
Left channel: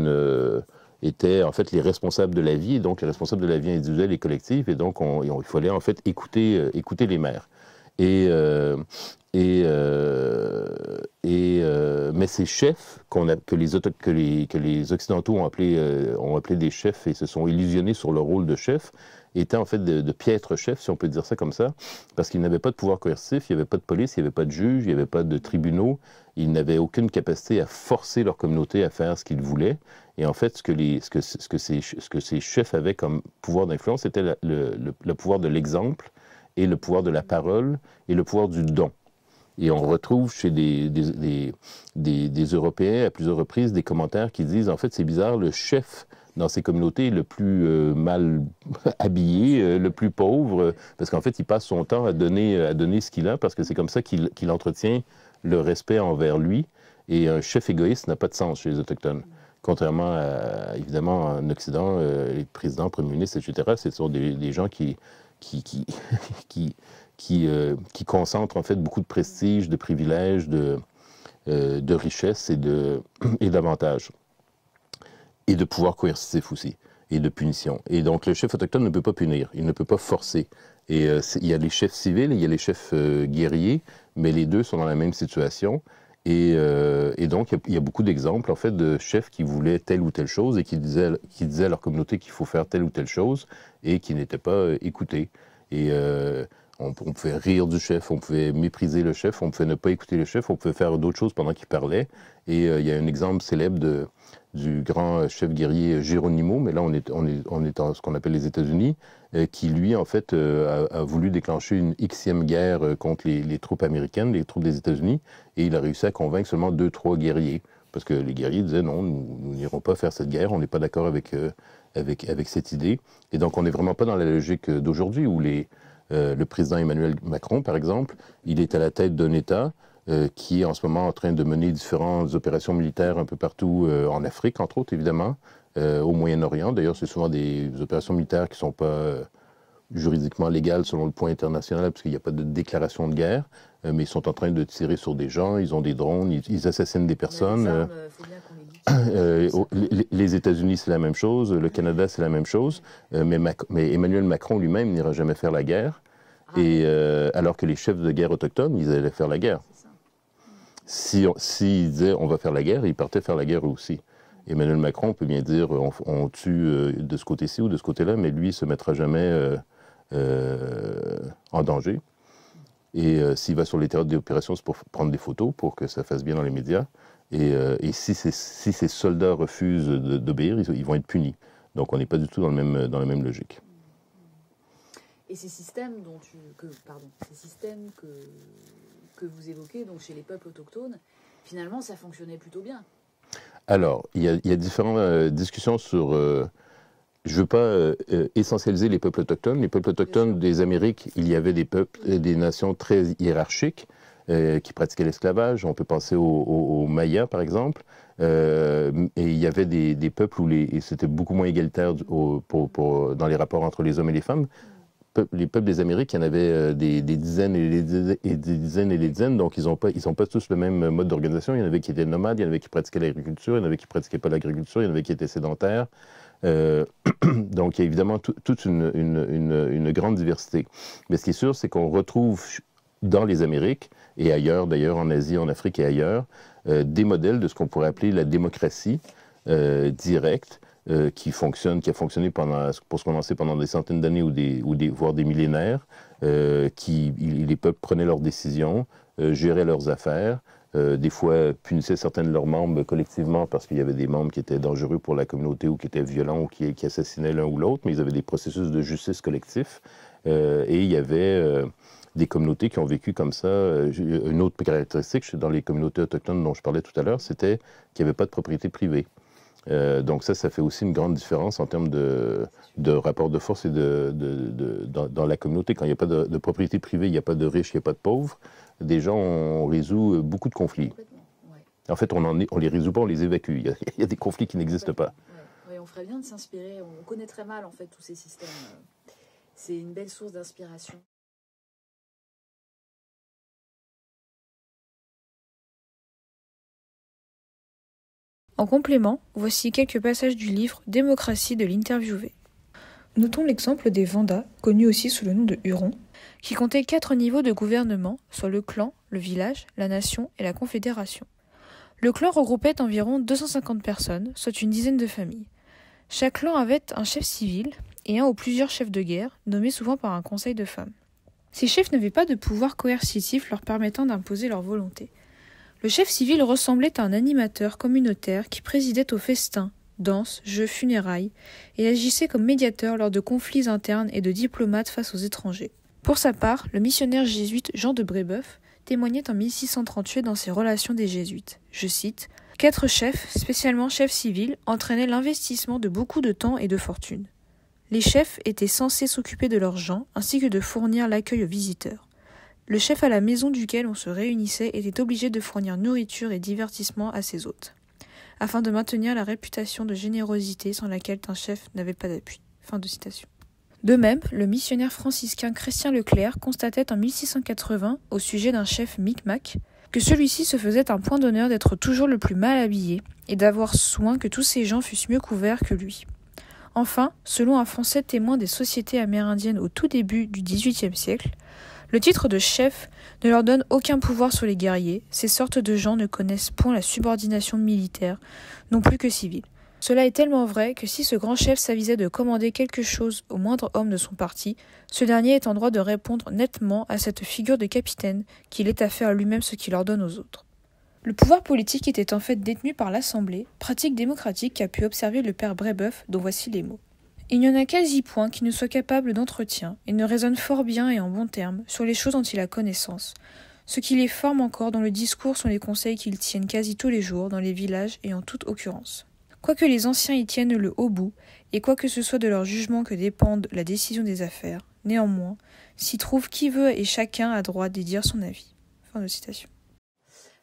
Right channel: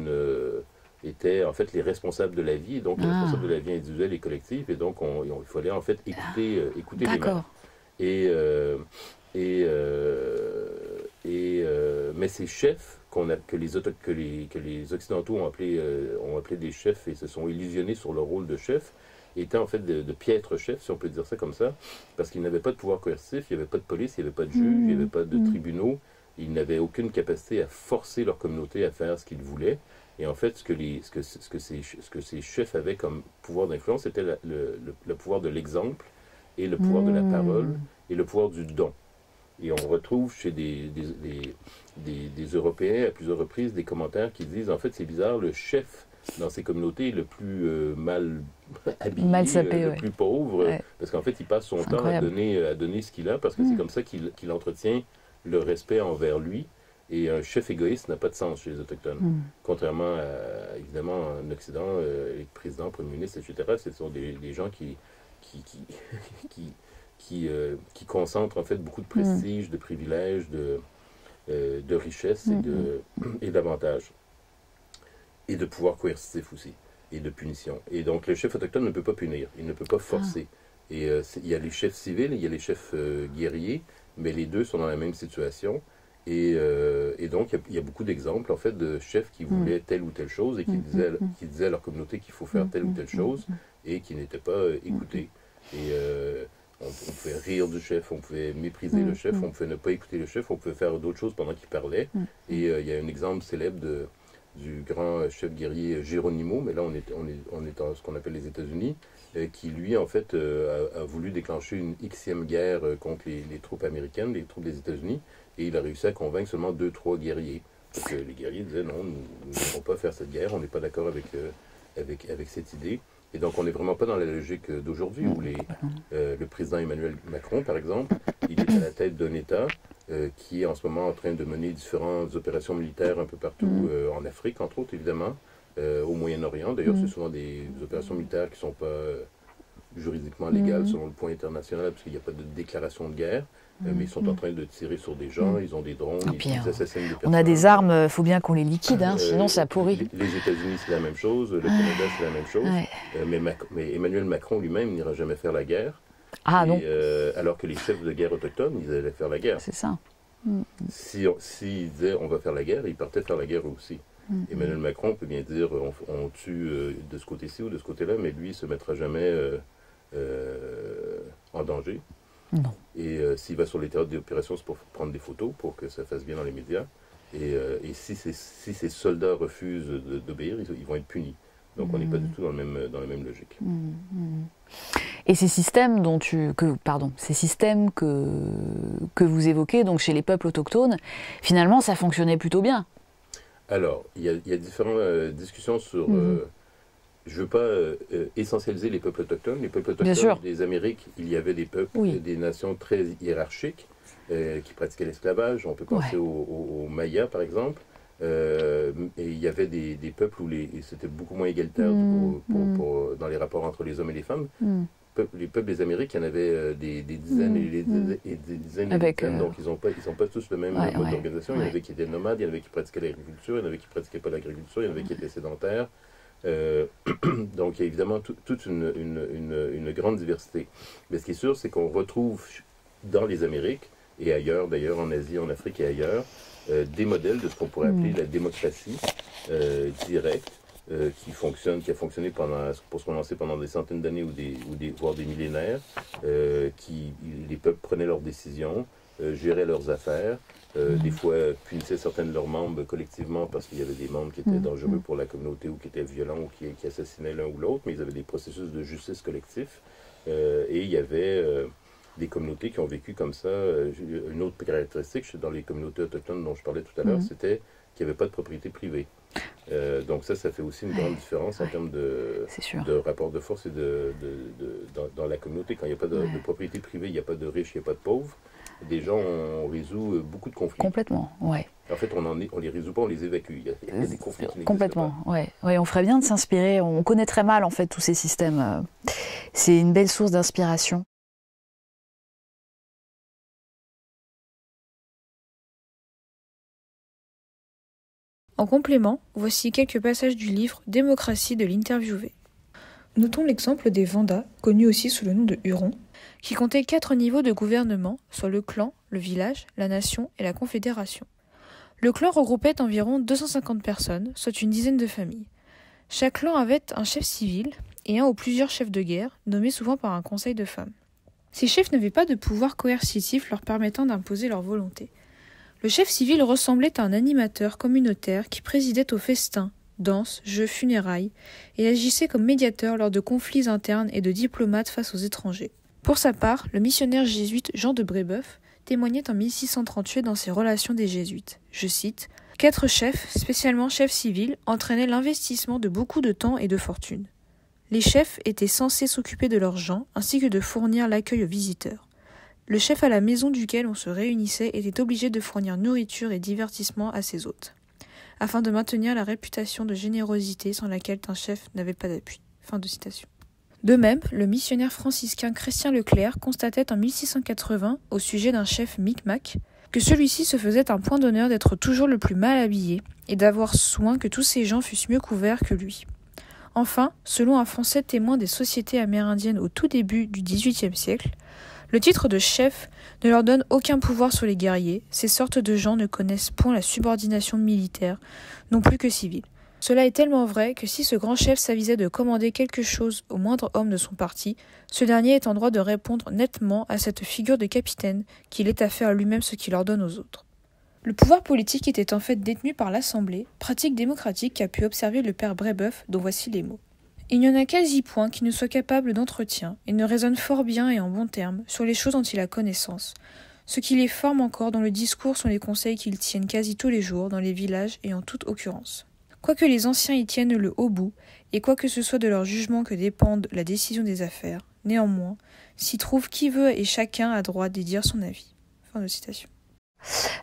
étaient en fait les responsables de la vie, donc les responsables de la vie individuelle et collective, et donc il fallait en fait écouter les mères. Mais ces chefs que les Occidentaux ont appelés des chefs et se sont illusionnés sur le rôle de chef, étaient en fait de piètres chefs, si on peut dire ça comme ça, parce qu'ils n'avaient pas de pouvoir coercitif, il n'y avait pas de police, il n'y avait pas de juge, il n'y avait pas de tribunaux, ils n'avaient aucune capacité à forcer leur communauté à faire ce qu'ils voulaient. Et en fait, ce que ces chefs avaient comme pouvoir d'influence, c'était le pouvoir de l'exemple et le pouvoir de la parole et le pouvoir du don. Et on retrouve chez des Européens à plusieurs reprises des commentaires qui disent, en fait, c'est bizarre, le chef dans ces communautés est le plus mal habillé, le plus pauvre, parce qu'en fait, il passe son temps à donner ce qu'il a, parce que c'est comme ça qu'il entretient le respect envers lui. Et un chef égoïste n'a pas de sens chez les Autochtones. Contrairement à, évidemment, en Occident, les présidents, premiers ministres, etc., ce sont des gens qui concentrent en fait beaucoup de prestige, de privilèges, de richesses et d'avantages. Et de pouvoir coercitif aussi, et de punition. Et donc le chef autochtone ne peut pas punir, il ne peut pas forcer. Et il y a les chefs civils, il y a les chefs guerriers, mais les deux sont dans la même situation. Et donc, il y a beaucoup d'exemples, en fait, de chefs qui voulaient telle ou telle chose et qui disaient à leur communauté qu'il faut faire telle ou telle chose et qui n'étaient pas écoutés. Et on pouvait rire du chef, on pouvait mépriser le chef, on pouvait ne pas écouter le chef, on pouvait faire d'autres choses pendant qu'il parlait. Et il y a un exemple célèbre du grand chef guerrier Geronimo, mais là, on est dans ce qu'on appelle les États-Unis, qui, lui, en fait, a voulu déclencher une Xème guerre contre les troupes américaines, les troupes des États-Unis, et il a réussi à convaincre seulement 2-3 guerriers. Parce que les guerriers disaient non, nous n'irons pas faire cette guerre, on n'est pas d'accord avec cette idée. Et donc, on n'est vraiment pas dans la logique d'aujourd'hui, où le président Emmanuel Macron, par exemple, il est à la tête d'un État qui est en ce moment en train de mener différentes opérations militaires un peu partout en Afrique, entre autres, évidemment, au Moyen-Orient. D'ailleurs, c'est souvent des opérations militaires qui ne sont pas juridiquement légales selon le point international, parce qu'il n'y a pas de déclaration de guerre, mais ils sont en train de tirer sur des gens, ils ont des drones, ils assassinent des personnes. On a des armes, il faut bien qu'on les liquide, sinon ça pourrit. Les États-Unis, c'est la même chose, le Canada, c'est la même chose, mais Emmanuel Macron lui-même n'ira jamais faire la guerre, alors que les chefs de guerre autochtones, ils allaient faire la guerre. C'est ça. S'ils disaient on va faire la guerre, ils partaient faire la guerre aussi. Emmanuel Macron peut bien dire on tue de ce côté-ci ou de ce côté-là, mais lui, il ne se mettra jamais en danger. Non. Et s'il va sur les théâtres d'opération, c'est pour prendre des photos, pour que ça fasse bien dans les médias. Et si ces soldats refusent d'obéir, ils vont être punis. Donc on n'est pas du tout dans la même logique. Et ces systèmes que vous évoquez, donc chez les peuples autochtones, finalement, ça fonctionnait plutôt bien. Alors, il y a différentes discussions sur... je ne veux pas essentialiser les peuples autochtones. Les peuples autochtones des Amériques, il y avait des peuples et des nations très hiérarchiques qui pratiquaient l'esclavage. On peut penser aux Mayas, par exemple. Et il y avait des peuples où c'était beaucoup moins égalitaire dans les rapports entre les hommes et les femmes. Les peuples des Amériques, il y en avait des dizaines et des dizaines et des dizaines, donc ils sont pas tous le même mode d'organisation. Il y en avait qui étaient nomades, il y en avait qui pratiquaient l'agriculture, il y en avait qui ne pratiquaient pas l'agriculture, il y en avait qui étaient sédentaires. Donc il y a évidemment toute une grande diversité. Mais ce qui est sûr, c'est qu'on retrouve dans les Amériques, et ailleurs, d'ailleurs en Asie, en Afrique et ailleurs, des modèles de ce qu'on pourrait appeler la démocratie directe, qui a fonctionné pour se prononcer pendant des centaines d'années voire des millénaires, les peuples prenaient leurs décisions, géraient leurs affaires, des fois punissaient certains de leurs membres collectivement parce qu'il y avait des membres qui étaient dangereux pour la communauté ou qui étaient violents ou qui assassinaient l'un ou l'autre, mais ils avaient des processus de justice collectif. Et il y avait des communautés qui ont vécu comme ça. Une autre caractéristique dans les communautés autochtones dont je parlais tout à l'heure, c'était qu'il n'y avait pas de propriété privée. Donc ça fait aussi une grande différence en termes de rapport de force et dans la communauté. Quand il n'y a pas de propriété privée, il n'y a pas de riches, il n'y a pas de pauvres. Déjà, on résout beaucoup de conflits. Complètement, ouais. En fait, on les résout pas, on les évacue. Il y a des conflits qui n'existent pas. Ouais. Ouais, on ferait bien de s'inspirer. On connaît très mal en fait tous ces systèmes. C'est une belle source d'inspiration. En complément, voici quelques passages du livre Démocratie de l'interviewé. Notons l'exemple des Vendats, connus aussi sous le nom de Hurons, qui comptaient 4 niveaux de gouvernement, soit le clan, le village, la nation et la confédération. Le clan regroupait environ 250 personnes, soit une dizaine de familles. Chaque clan avait un chef civil et un ou plusieurs chefs de guerre, nommés souvent par un conseil de femmes. Ces chefs n'avaient pas de pouvoir coercitif leur permettant d'imposer leur volonté. Le chef civil ressemblait à un animateur communautaire qui présidait aux festins, danses, jeux, funérailles, et agissait comme médiateur lors de conflits internes et de diplomates face aux étrangers. Pour sa part, le missionnaire jésuite Jean de Brébeuf témoignait en 1638 dans ses relations des jésuites. Je cite : « 4 chefs, spécialement chefs civils, entraînaient l'investissement de beaucoup de temps et de fortune. Les chefs étaient censés s'occuper de leurs gens ainsi que de fournir l'accueil aux visiteurs. Le chef à la maison duquel on se réunissait était obligé de fournir nourriture et divertissement à ses hôtes, afin de maintenir la réputation de générosité sans laquelle un chef n'avait pas d'appui. » Fin de citation. De même, le missionnaire franciscain Chrétien Leclerc constatait en 1680, au sujet d'un chef Micmac, que celui-ci se faisait un point d'honneur d'être toujours le plus mal habillé et d'avoir soin que tous ses gens fussent mieux couverts que lui. Enfin, selon un Français témoin des sociétés amérindiennes au tout début du XVIIIe siècle, le titre de chef ne leur donne aucun pouvoir sur les guerriers, ces sortes de gens ne connaissent point la subordination militaire, non plus que civile. Cela est tellement vrai que si ce grand chef s'avisait de commander quelque chose au moindre homme de son parti, ce dernier est en droit de répondre nettement à cette figure de capitaine qu'il est à faire lui-même ce qu'il ordonne aux autres. Le pouvoir politique était en fait détenu par l'Assemblée, pratique démocratique qu'a pu observer le père Brébeuf, dont voici les mots. Il n'y en a quasi point qui ne soit capable d'entretien, et ne raisonne fort bien et en bons termes sur les choses dont il a connaissance. Ce qui les forme encore dans le discours sont les conseils qu'ils tiennent quasi tous les jours dans les villages et en toute occurrence. Quoique les anciens y tiennent le haut bout, et quoique ce soit de leur jugement que dépende la décision des affaires, néanmoins, s'y trouve qui veut et chacun a droit d'y dire son avis. Fin de citation.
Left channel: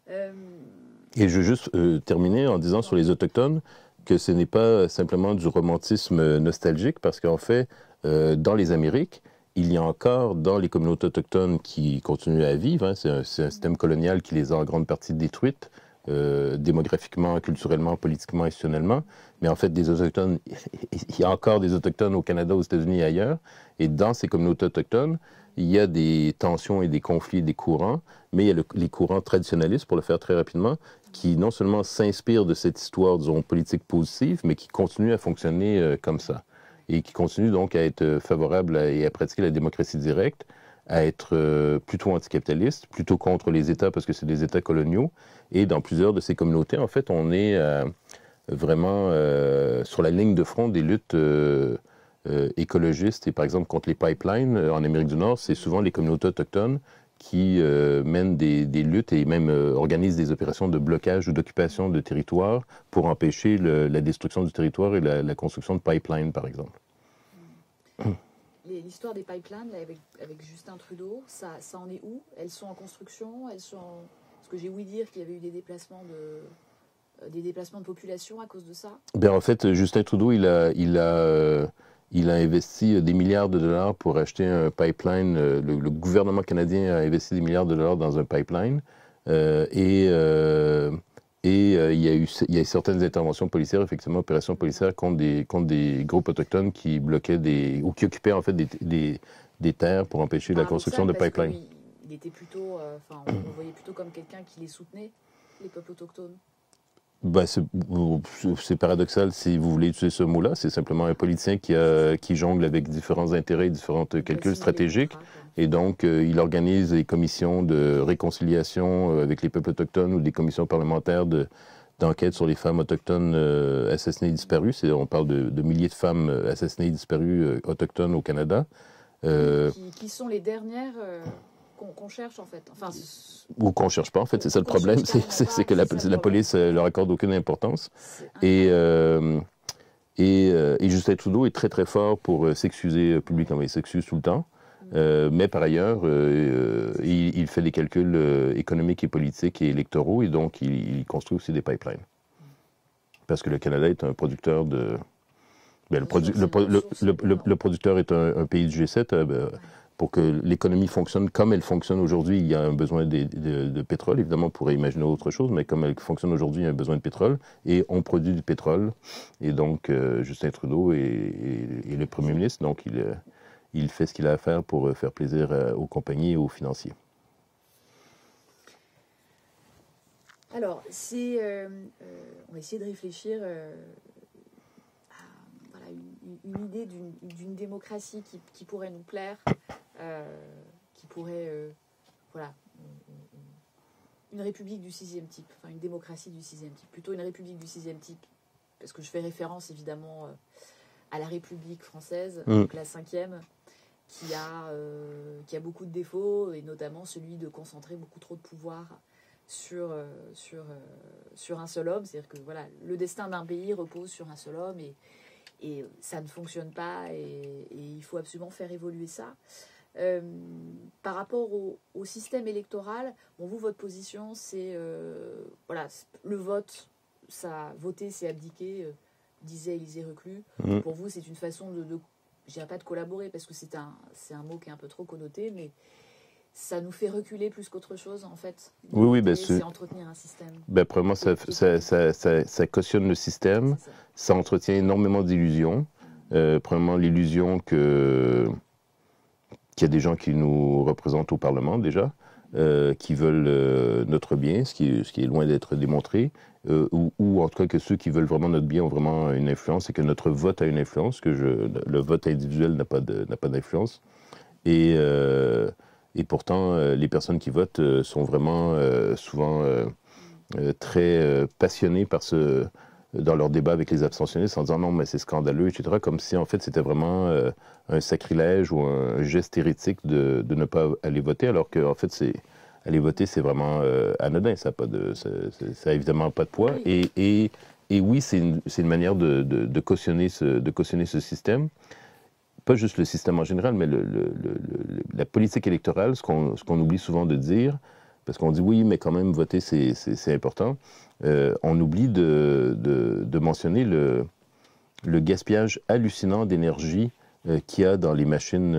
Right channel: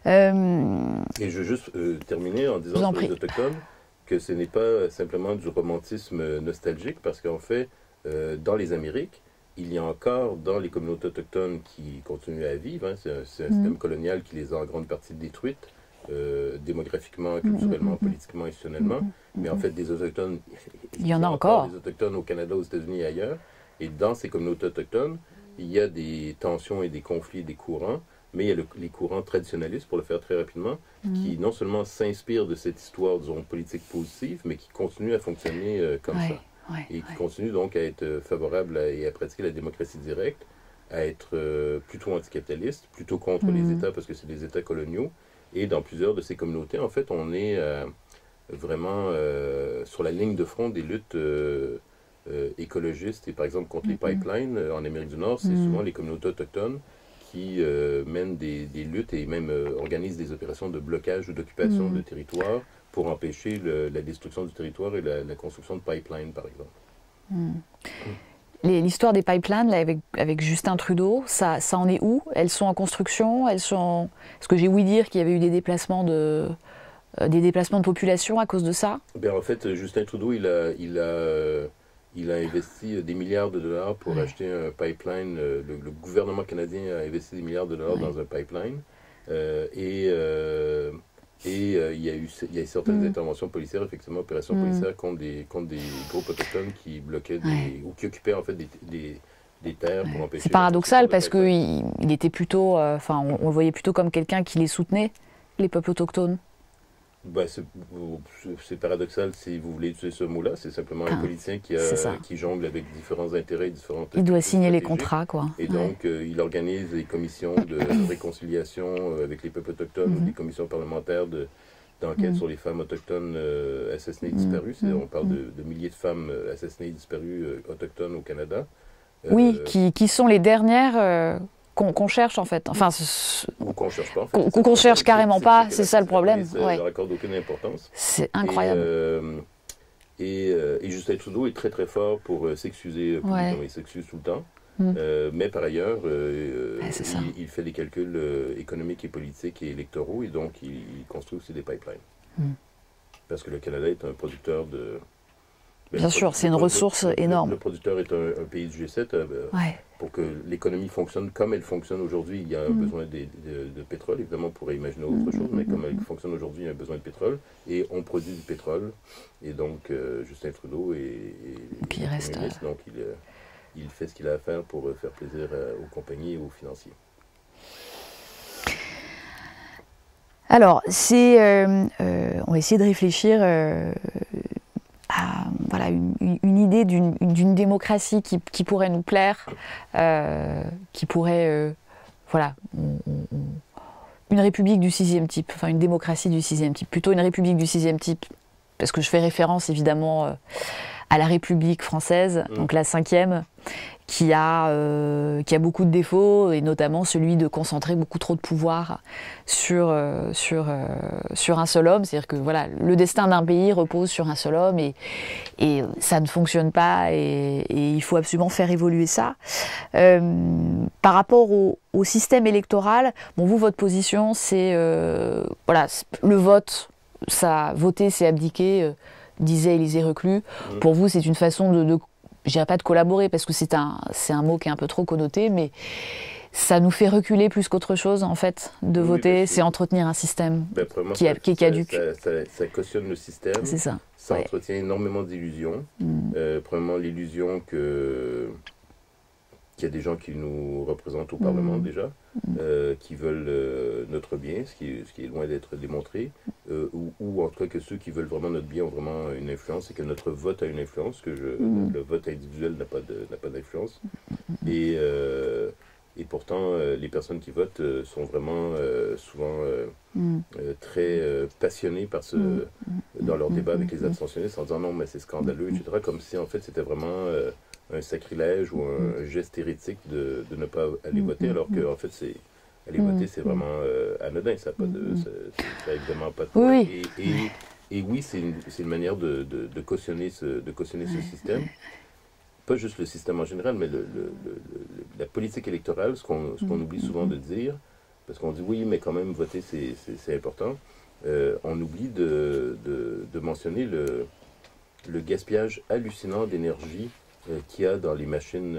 Et je veux juste terminer en disant sur les autochtones que ce n'est pas simplement du romantisme nostalgique, parce qu'en fait, dans les Amériques, il y a encore dans les communautés autochtones qui continuent à vivre, hein, c'est un système colonial qui les a en grande partie détruites, démographiquement, culturellement, politiquement, institutionnellement, mais en fait, des autochtones, il y a encore des autochtones au Canada, aux États-Unis et ailleurs, et dans ces communautés autochtones, il y a des tensions et des conflits, des courants, mais il y a les courants traditionnalistes, pour le faire très rapidement, qui non seulement s'inspirent de cette histoire, disons, politique positive, mais qui continuent à fonctionner comme ça. Et qui continuent donc à être favorables et à pratiquer la démocratie directe, à être plutôt anticapitaliste, plutôt contre les États, parce que c'est des États coloniaux. Et dans plusieurs de ces communautés, en fait, on est vraiment sur la ligne de front des luttes écologistes. Et par exemple, contre les pipelines en Amérique du Nord, c'est souvent les communautés autochtones qui mènent des luttes et même organisent des opérations de blocage ou d'occupation de territoire pour empêcher la destruction du territoire et la construction de pipelines, par exemple. L'histoire des pipelines là, avec Justin Trudeau, ça en est où? Elles sont en construction? Est-ce que j'ai ouï dire qu'il y avait eu des déplacements de population à cause de ça? Ben, en fait, Justin Trudeau, il a investi des milliards de dollars pour acheter un pipeline. Le gouvernement canadien a investi des milliards de dollars dans un pipeline. Il y a eu certaines interventions policières, effectivement, opérations policières contre des groupes autochtones qui bloquaient ou qui occupaient en fait des terres pour empêcher la construction de pipelines. C'est paradoxal parce qu'il était plutôt, on le voyait plutôt comme quelqu'un qui les soutenait, les peuples autochtones. Ben, c'est paradoxal si vous voulez utiliser ce mot-là. C'est simplement un politicien qui jongle avec différents intérêts, différentes calculs stratégiques. Les contrats, quoi. Et donc, il organise des commissions de réconciliation avec les peuples autochtones ou des commissions parlementaires d'enquête sur les femmes autochtones assassinées et disparues. On parle de milliers de femmes assassinées et disparues autochtones au Canada. Qui sont les dernières... qu'on cherche en fait, ou qu'on cherche pas en fait, ou qu'on cherche carrément pas, c'est ça le problème. La police ne leur accorde aucune importance. C'est incroyable. Et Justin Trudeau est très très fort pour s'excuser publiquement, il s'excuse tout le temps. Mais par ailleurs, il fait des calculs économiques et politiques et électoraux, et donc il construit aussi des pipelines. Parce que le Canada est un producteur de... Bien sûr, c'est une ressource énorme. Le producteur est un pays du G7. Pour que l'économie fonctionne comme elle fonctionne aujourd'hui, il y a un besoin de pétrole. Évidemment, on pourrait imaginer autre chose, mais comme elle fonctionne aujourd'hui, il y a un besoin de pétrole. Et on produit du pétrole. Et donc, Justin Trudeau est le premier ministre. Donc, il fait ce qu'il a à faire pour faire plaisir aux compagnies et aux financiers. Alors, on va essayer de réfléchir à voilà, une idée d'une démocratie qui pourrait nous plaire, qui pourrait, voilà, une république du 6e type, enfin une démocratie du 6e type, plutôt une république du 6e type, parce que je fais référence évidemment à la République française, donc la 5e, qui a beaucoup de défauts, et notamment celui de concentrer beaucoup trop de pouvoir sur un seul homme. C'est-à-dire que voilà, le destin d'un pays repose sur un seul homme, et ça ne fonctionne pas, et il faut absolument faire évoluer ça. Par rapport au système électoral, bon, vous, votre position, c'est voilà, le vote, voter, c'est abdiquer, disait Élisée Reclus. Pour vous, c'est une façon je dirais pas de collaborer, parce que c'est un mot qui est un peu trop connoté, mais ça nous fait reculer plus qu'autre chose, en fait, de voter, c'est entretenir un système qui est caduque. Ça cautionne le système, ça entretient énormément d'illusions. Premièrement, l'illusion qu'il y a des gens qui nous représentent au Parlement, déjà, qui veulent notre bien, ce qui est loin d'être démontré, ou en tout cas que ceux qui veulent vraiment notre bien ont vraiment une influence, et que notre vote a une influence, que le vote individuel n'a pas d'influence. Et pourtant, les personnes qui votent sont vraiment souvent très passionnées dans leur débat avec les abstentionnistes, en disant non, mais c'est scandaleux, etc., comme si en fait c'était vraiment un sacrilège ou un geste hérétique de ne pas aller voter, alors qu'en fait, aller voter, c'est vraiment anodin, ça n'a évidemment pas de poids. Oui. Et oui, c'est une manière de cautionner ce système. Pas juste le système en général, mais la politique électorale, ce qu'on oublie souvent de dire, parce qu'on dit oui, mais quand même, voter, c'est important. On oublie de mentionner le gaspillage hallucinant d'énergie qu'il y a dans les machines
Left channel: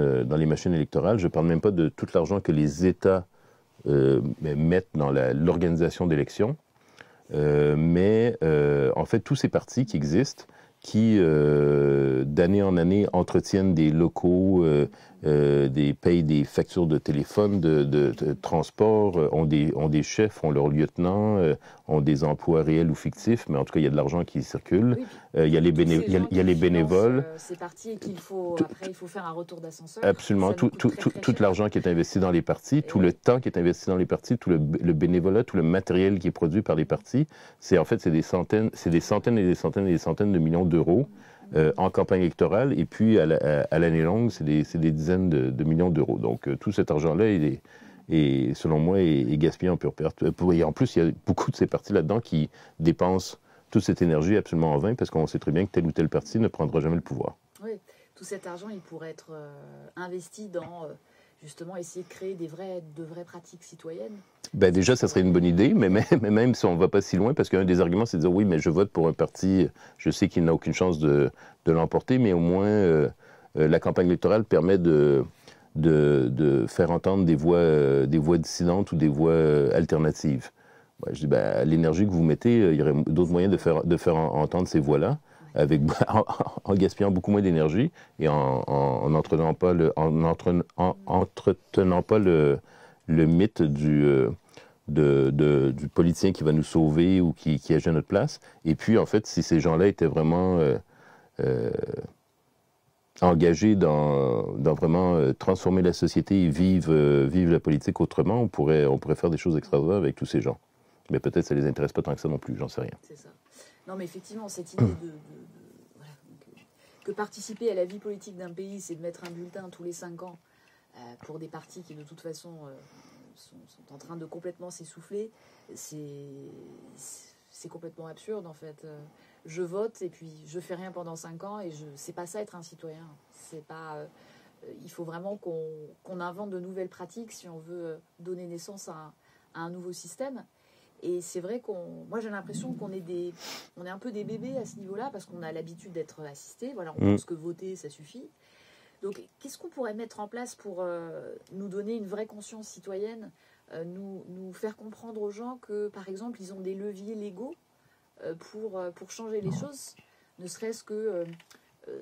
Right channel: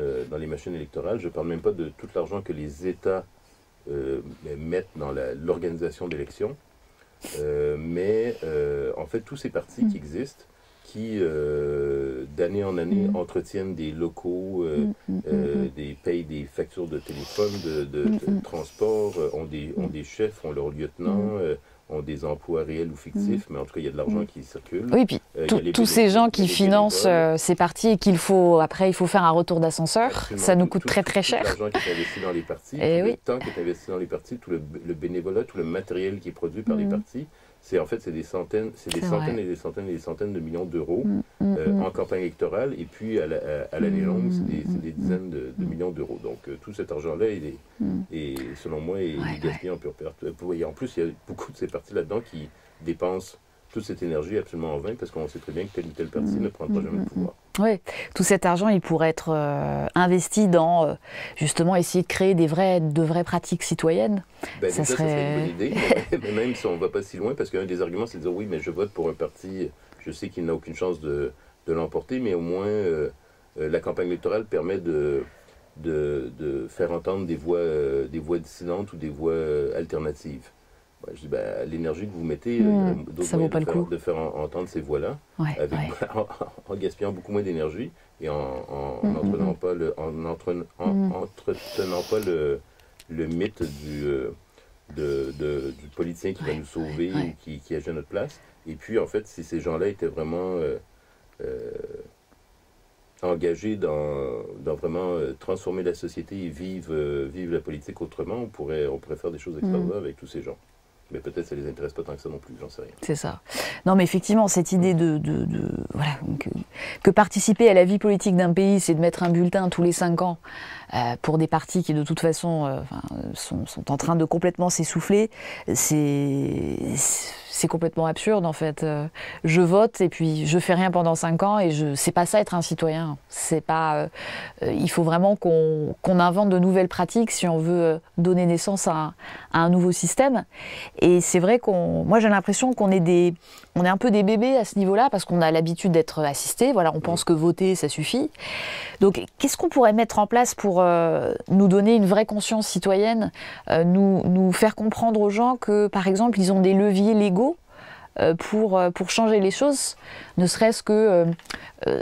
électorales. Je ne parle même pas de tout l'argent que les États mettent dans l'organisation d'élections. Mais en fait, tous ces partis qui existent, qui d'année en année entretiennent des locaux, payent des factures de téléphone, de transport, ont des chefs, ont leurs lieutenants, ont des emplois réels ou fictifs, mais en tout cas, il y a de l'argent qui circule. Oui, puis tous ces gens qui financent ces partis, et après, il faut faire un retour d'ascenseur, ça nous coûte très cher. Tout l'argent qui est investi dans les partis, le temps qui est investi dans les partis, tout le bénévolat, tout le matériel qui est produit par les partis, c'est des centaines et des centaines et des centaines de millions d'euros en campagne électorale, et puis à l'année longue, c'est des dizaines de millions d'euros. Donc tout cet argent-là, selon moi, est gaspillé en pure perte. Et en plus, il y a beaucoup de ces partis là-dedans qui dépensent toute cette énergie absolument en vain, parce qu'on sait très bien que tel ou tel parti ne prendra jamais le pouvoir. Oui, tout cet argent, il pourrait être investi dans, justement, essayer de créer de vraies pratiques citoyennes. Ça serait une bonne idée, mais même si on ne va pas si loin, parce qu'un des arguments, c'est de dire, oui, mais je vote pour un parti, je sais qu'il n'a aucune chance de l'emporter, mais au moins, la campagne électorale permet de faire entendre des voix dissidentes ou des voix alternatives. Je dis, l'énergie que vous mettez, il y aurait d'autres moyens de faire entendre ces voix-là, en gaspillant beaucoup moins d'énergie et en n'entretenant pas le mythe du politicien qui va nous sauver ou qui agit à notre place. Et puis, en fait, si ces gens-là étaient vraiment engagés dans vraiment transformer la société et vivre la politique autrement, on pourrait faire des choses extraordinaires avec tous ces gens. Mais peut-être ça ne les intéresse pas tant que ça non plus, j'en sais rien. C'est ça. Non, mais effectivement, cette idée voilà, que participer à la vie politique d'un pays, c'est de mettre un bulletin tous les 5 ans pour des partis qui, de toute façon, sont en train de complètement s'essouffler, c'est c'est complètement absurde en fait. Je vote et puis je fais rien pendant 5 ans et c'est pas ça être un citoyen. C'est pas. Il faut vraiment qu'on invente de nouvelles pratiques si on veut donner naissance à un nouveau système. Et c'est vrai moi j'ai l'impression qu'on est un peu des bébés à ce niveau-là parce qu'on a l'habitude d'être assistés. Voilà, on pense que voter ça suffit. Donc qu'est-ce qu'on pourrait mettre en place pour nous donner une vraie conscience citoyenne, nous faire comprendre aux gens que par exemple ils ont des leviers légaux pour changer les choses, ne serait-ce que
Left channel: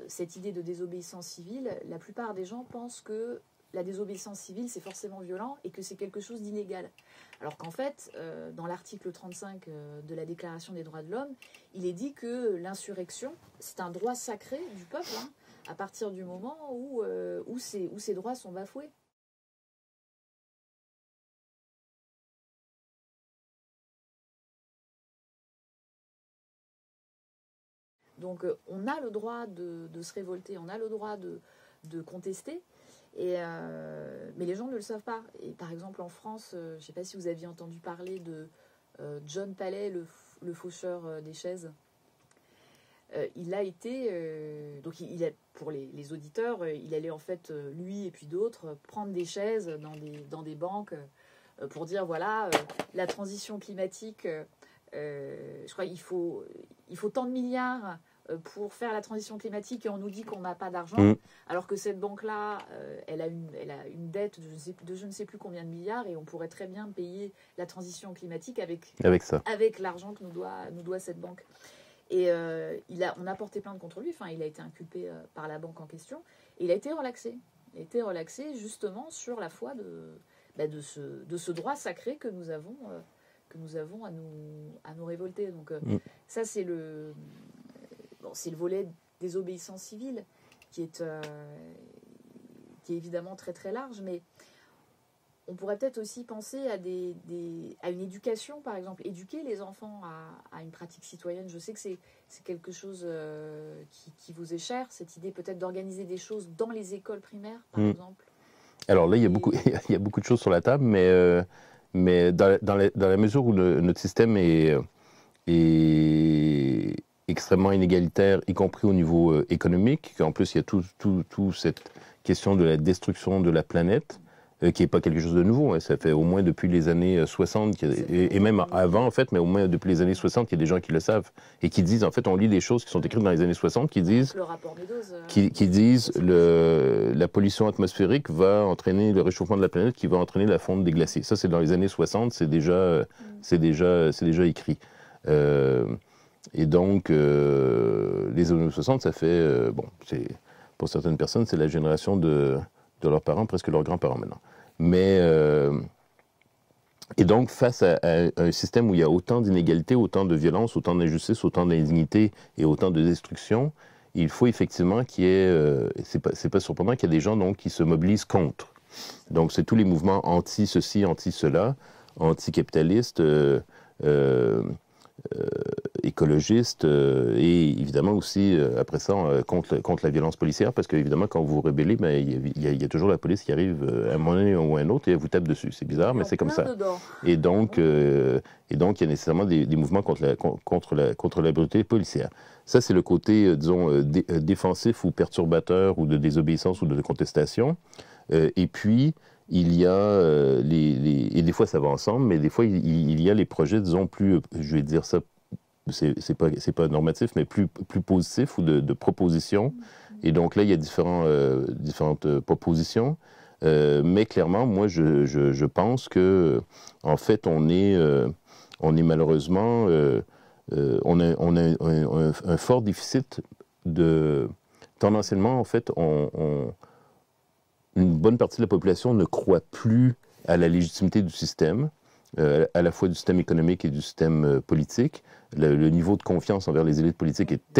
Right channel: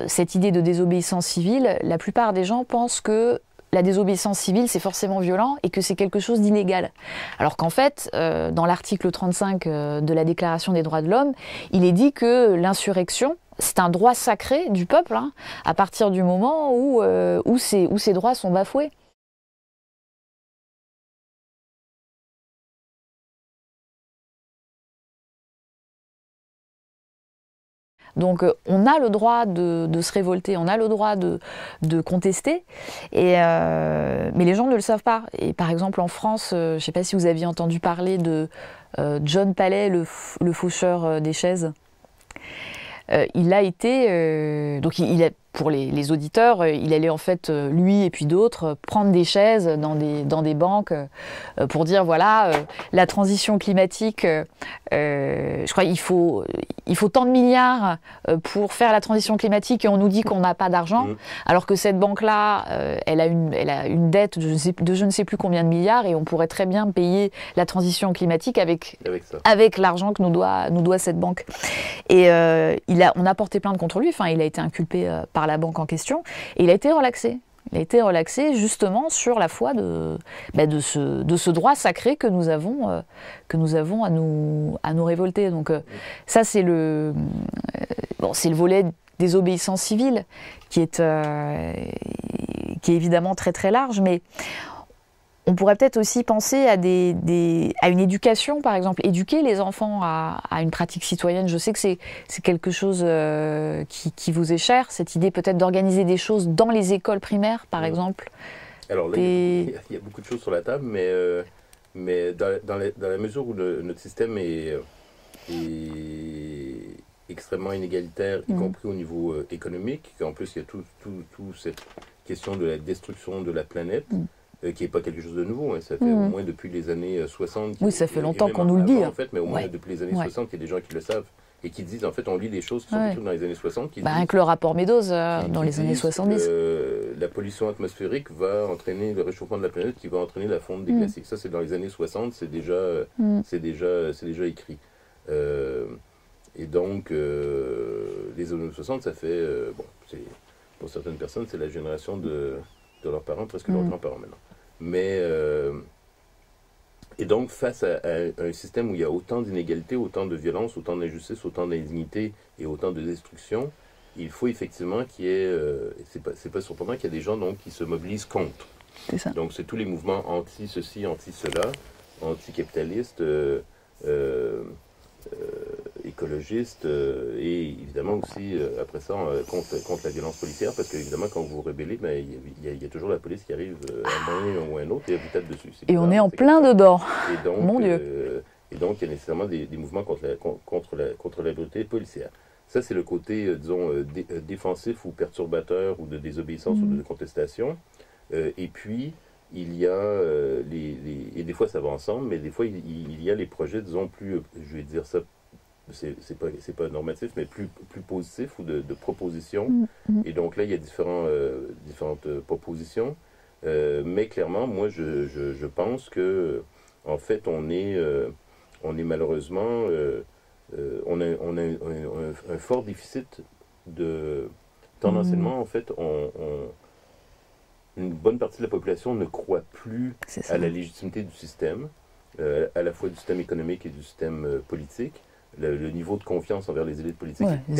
cette idée de désobéissance civile. La plupart des gens pensent que la désobéissance civile, c'est forcément violent et que c'est quelque chose d'illégal. Alors qu'en fait, dans l'article 35 de la Déclaration des droits de l'homme, il est dit que l'insurrection, c'est un droit sacré du peuple, hein, à partir du moment où ces droits sont bafoués. Donc on a le droit de se révolter, on a le droit de contester, mais les gens ne le savent pas. Et par exemple en France, je ne sais pas si vous aviez entendu parler de John Palais, le faucheur des chaises. Il a été, donc pour les auditeurs, il allait en fait, lui et puis d'autres, prendre des chaises dans des banques pour dire voilà, la transition climatique, je crois il faut tant de milliards pour faire la transition climatique et on nous dit qu'on n'a pas d'argent, alors que cette banque-là, elle a une dette de je ne sais plus combien de milliards et on pourrait très bien payer la transition climatique avec l'argent que nous doit cette banque. Et on a porté plainte contre lui, enfin il a été inculpé par la banque en question, et il a été relaxé. Il a été relaxé justement sur la foi de ce droit sacré que nous avons à nous révolter. Donc ça c'est le volet désobéissance civile qui est évidemment très très large, mais on pourrait peut-être aussi penser à une éducation, par exemple, éduquer les enfants à une pratique citoyenne. Je sais que c'est quelque chose qui vous est cher, cette idée peut-être d'organiser des choses dans les écoles primaires, par exemple. Alors là, il y a beaucoup de choses sur la table, mais dans la mesure où notre système est extrêmement inégalitaire, y compris au niveau économique, qu'en plus il y a toute cette question de la destruction de la planète, qui n'est pas quelque chose de nouveau. Hein. Ça fait au moins depuis les années 60, ça fait et même avant, en fait, mais au moins Ouais. depuis les années 60, il y a des gens qui le savent et qui disent, en fait, on lit des choses qui sont écrites dans les années 60, qui disent... Avec le rapport Meadows dans les années 70. La pollution atmosphérique va entraîner le réchauffement de la planète qui va entraîner la fonte des glaciers. Ça, c'est dans les années 60, c'est déjà écrit. Et donc, les années 60, ça fait... pour certaines personnes, c'est la génération de leurs parents, presque leurs grands-parents maintenant. Mais, et donc, face à un système où il y a autant d'inégalités, autant de violence, autant d'injustice, autant d'indignité et autant de destruction, il faut effectivement qu'il y ait, c'est pas surprenant qu'il y ait des gens donc, qui se mobilisent contre. C'est ça. Donc, c'est tous les mouvements anti-ceci, anti-cela, anti-capitalistes, écologistes et évidemment aussi après ça contre la violence policière, parce qu'évidemment quand vous vous rébellez, il y a toujours la police qui arrive à un moment ou à un autre et elle vous tape dessus. Et on est en plein dedans. Et donc il y a nécessairement des mouvements contre la brutalité policière. Ça, c'est le côté, disons, défensif ou perturbateur ou de désobéissance ou de contestation. Et puis, il y a, et des fois ça va ensemble, mais des fois il y a les projets, disons, plus, je vais dire ça, c'est pas normatif, mais plus positif ou de propositions. Et donc là, il y a différentes propositions. Mais clairement, moi, je pense que, en fait, on est malheureusement, on a un fort déficit tendanciellement, en fait, une bonne partie de la population ne croit plus à la légitimité du système, à la fois du système économique et du système politique. Le niveau de confiance envers les élites politiques est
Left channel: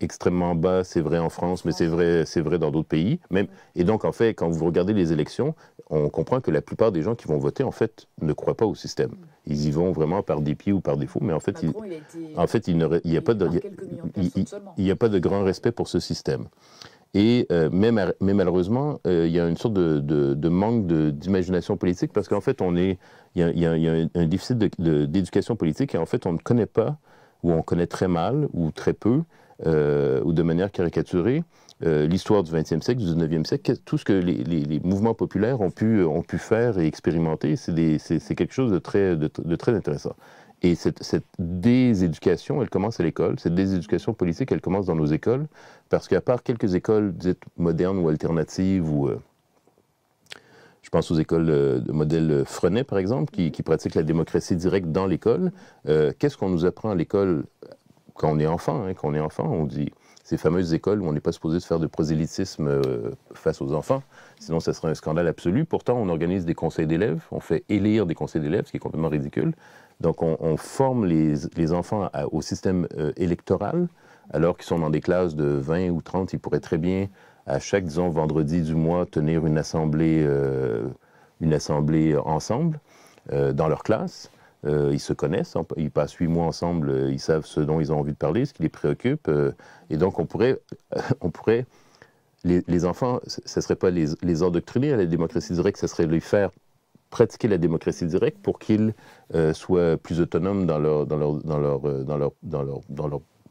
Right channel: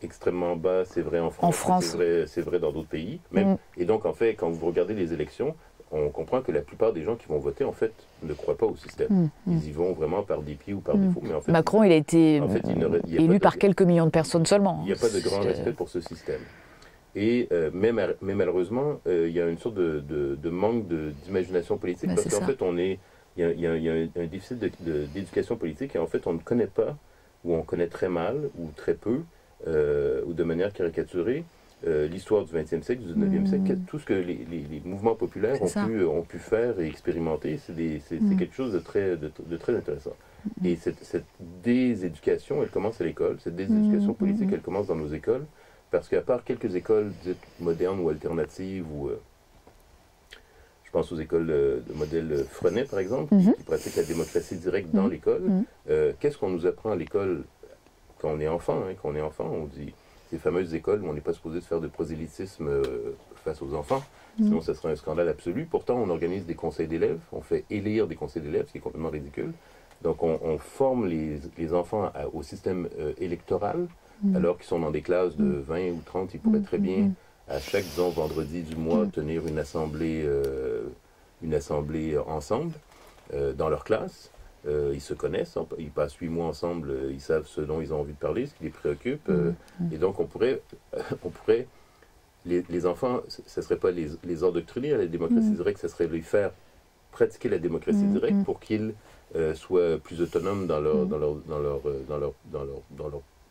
extrêmement bas. C'est vrai en France, mais c'est vrai dans d'autres pays. Même. Et donc, en fait, quand vous regardez les élections, on comprend que la plupart des gens qui vont voter, en fait, ne croient pas au système. Ils y vont vraiment par dépit ou par défaut. Mais en fait, Macron, il a été élu par quelques millions de personnes seulement. Il n'y a pas de grand respect pour ce système. Et mais malheureusement, il y a une sorte de manque d'imagination politique parce qu'en fait, on est il y a un déficit d'éducation politique et en fait, on ne connaît pas, ou on connaît très mal, ou très peu, ou de manière caricaturée, l'histoire du 20e siècle, du 19e siècle, tout ce que les mouvements populaires ont pu faire et expérimenter, c'est quelque chose de très intéressant. Et cette déséducation, elle commence à l'école. Cette déséducation politique, elle commence dans nos écoles, parce qu'à part quelques écoles dites modernes ou alternatives, ou je pense aux écoles de modèle Freinet, par exemple, qui pratiquent la démocratie directe dans l'école, qu'est-ce qu'on nous apprend à l'école quand on est enfant, on dit... Ces fameuses écoles où on n'est pas supposé se faire de prosélytisme face aux enfants, sinon ça serait un scandale absolu. Pourtant, on organise des conseils d'élèves, on fait élire des conseils d'élèves, ce qui est complètement ridicule. Donc, on forme les enfants au système électoral, alors qu'ils sont dans des classes de 20 ou 30. Ils pourraient très bien, à chaque, disons, vendredi du mois, tenir une assemblée ensemble dans leur classe. Ils se connaissent, ils passent 8 mois ensemble, ils savent ce dont ils ont envie de parler, ce qui les préoccupe. Et donc, on pourrait les enfants, ce ne serait pas les endoctriner à la démocratie directe, ce serait les faire pratiquer la démocratie directe pour qu'ils soient plus autonomes dans leur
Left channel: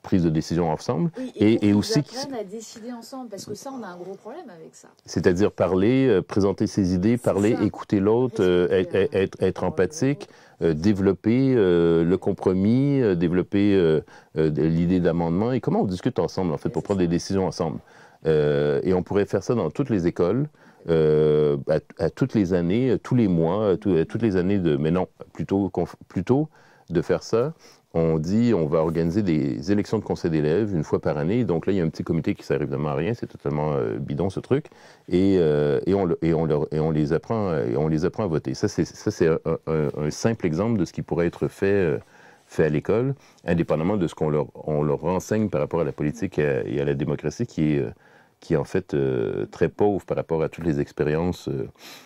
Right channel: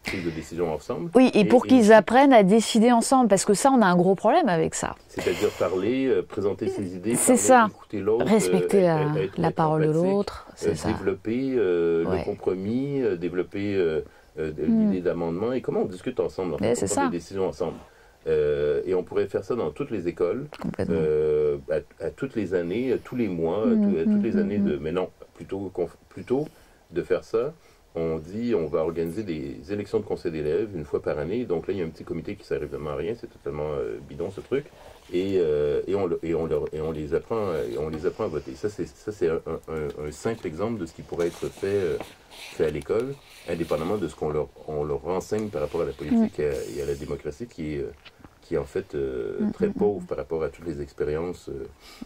prise de décision ensemble. Oui, et pour qu'ils apprennent à décider ensemble, parce que ça, on a un gros problème avec ça. C'est-à-dire parler, présenter ses idées, écouter l'autre, être empathique, développer le compromis, développer l'idée d'amendement, et comment on discute ensemble, en fait, pour prendre des décisions ensemble. Et on pourrait faire ça dans toutes les écoles, à toutes les années, tous les mois, toutes les années mais non, plutôt de faire ça. On dit on va organiser des élections de conseil d'élèves une fois par année. Donc là, il y a un petit comité qui ne sert évidemment à rien, c'est totalement bidon ce truc. Et on les apprend à voter. Ça, c'est un simple exemple de ce qui pourrait être fait à l'école, indépendamment de ce qu'on leur renseigne par rapport à la politique et à la démocratie, qui est en fait très pauvre par rapport à toutes les expériences.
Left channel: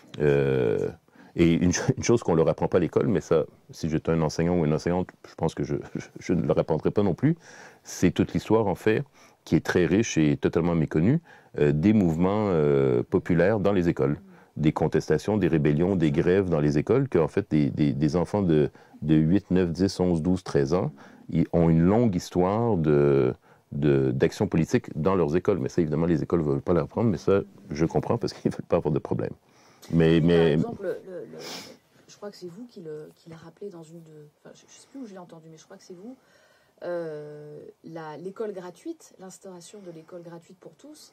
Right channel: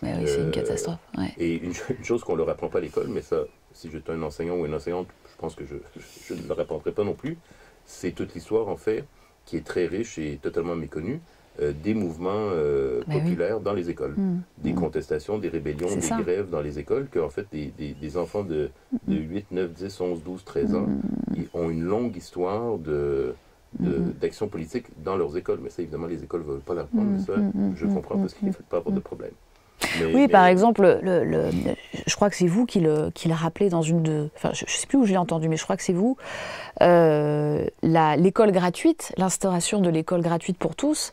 C'est une catastrophe. Ouais. Et une chose qu'on ne leur apprend pas à l'école, mais ça, si j'étais un enseignant ou une enseignante, je pense que je ne leur apprendrais pas non plus, c'est toute l'histoire, en fait, qui est très riche et totalement méconnue, des mouvements populaires dans les écoles. Des contestations, des rébellions, des grèves dans les écoles, qu'en fait, des enfants de 8, 9, 10, 11, 12, 13 ans, ils ont une longue histoire d'action politique dans leurs écoles. Mais ça, évidemment, les écoles ne veulent pas l'apprendre, mais ça, je comprends parce qu'ils ne veulent pas avoir de problème. Par exemple, je crois que c'est vous qui l'a rappelé dans une de... Enfin, je ne sais plus où je l'ai entendu, mais je crois que c'est vous. L'école gratuite, l'instauration de l'école gratuite pour tous,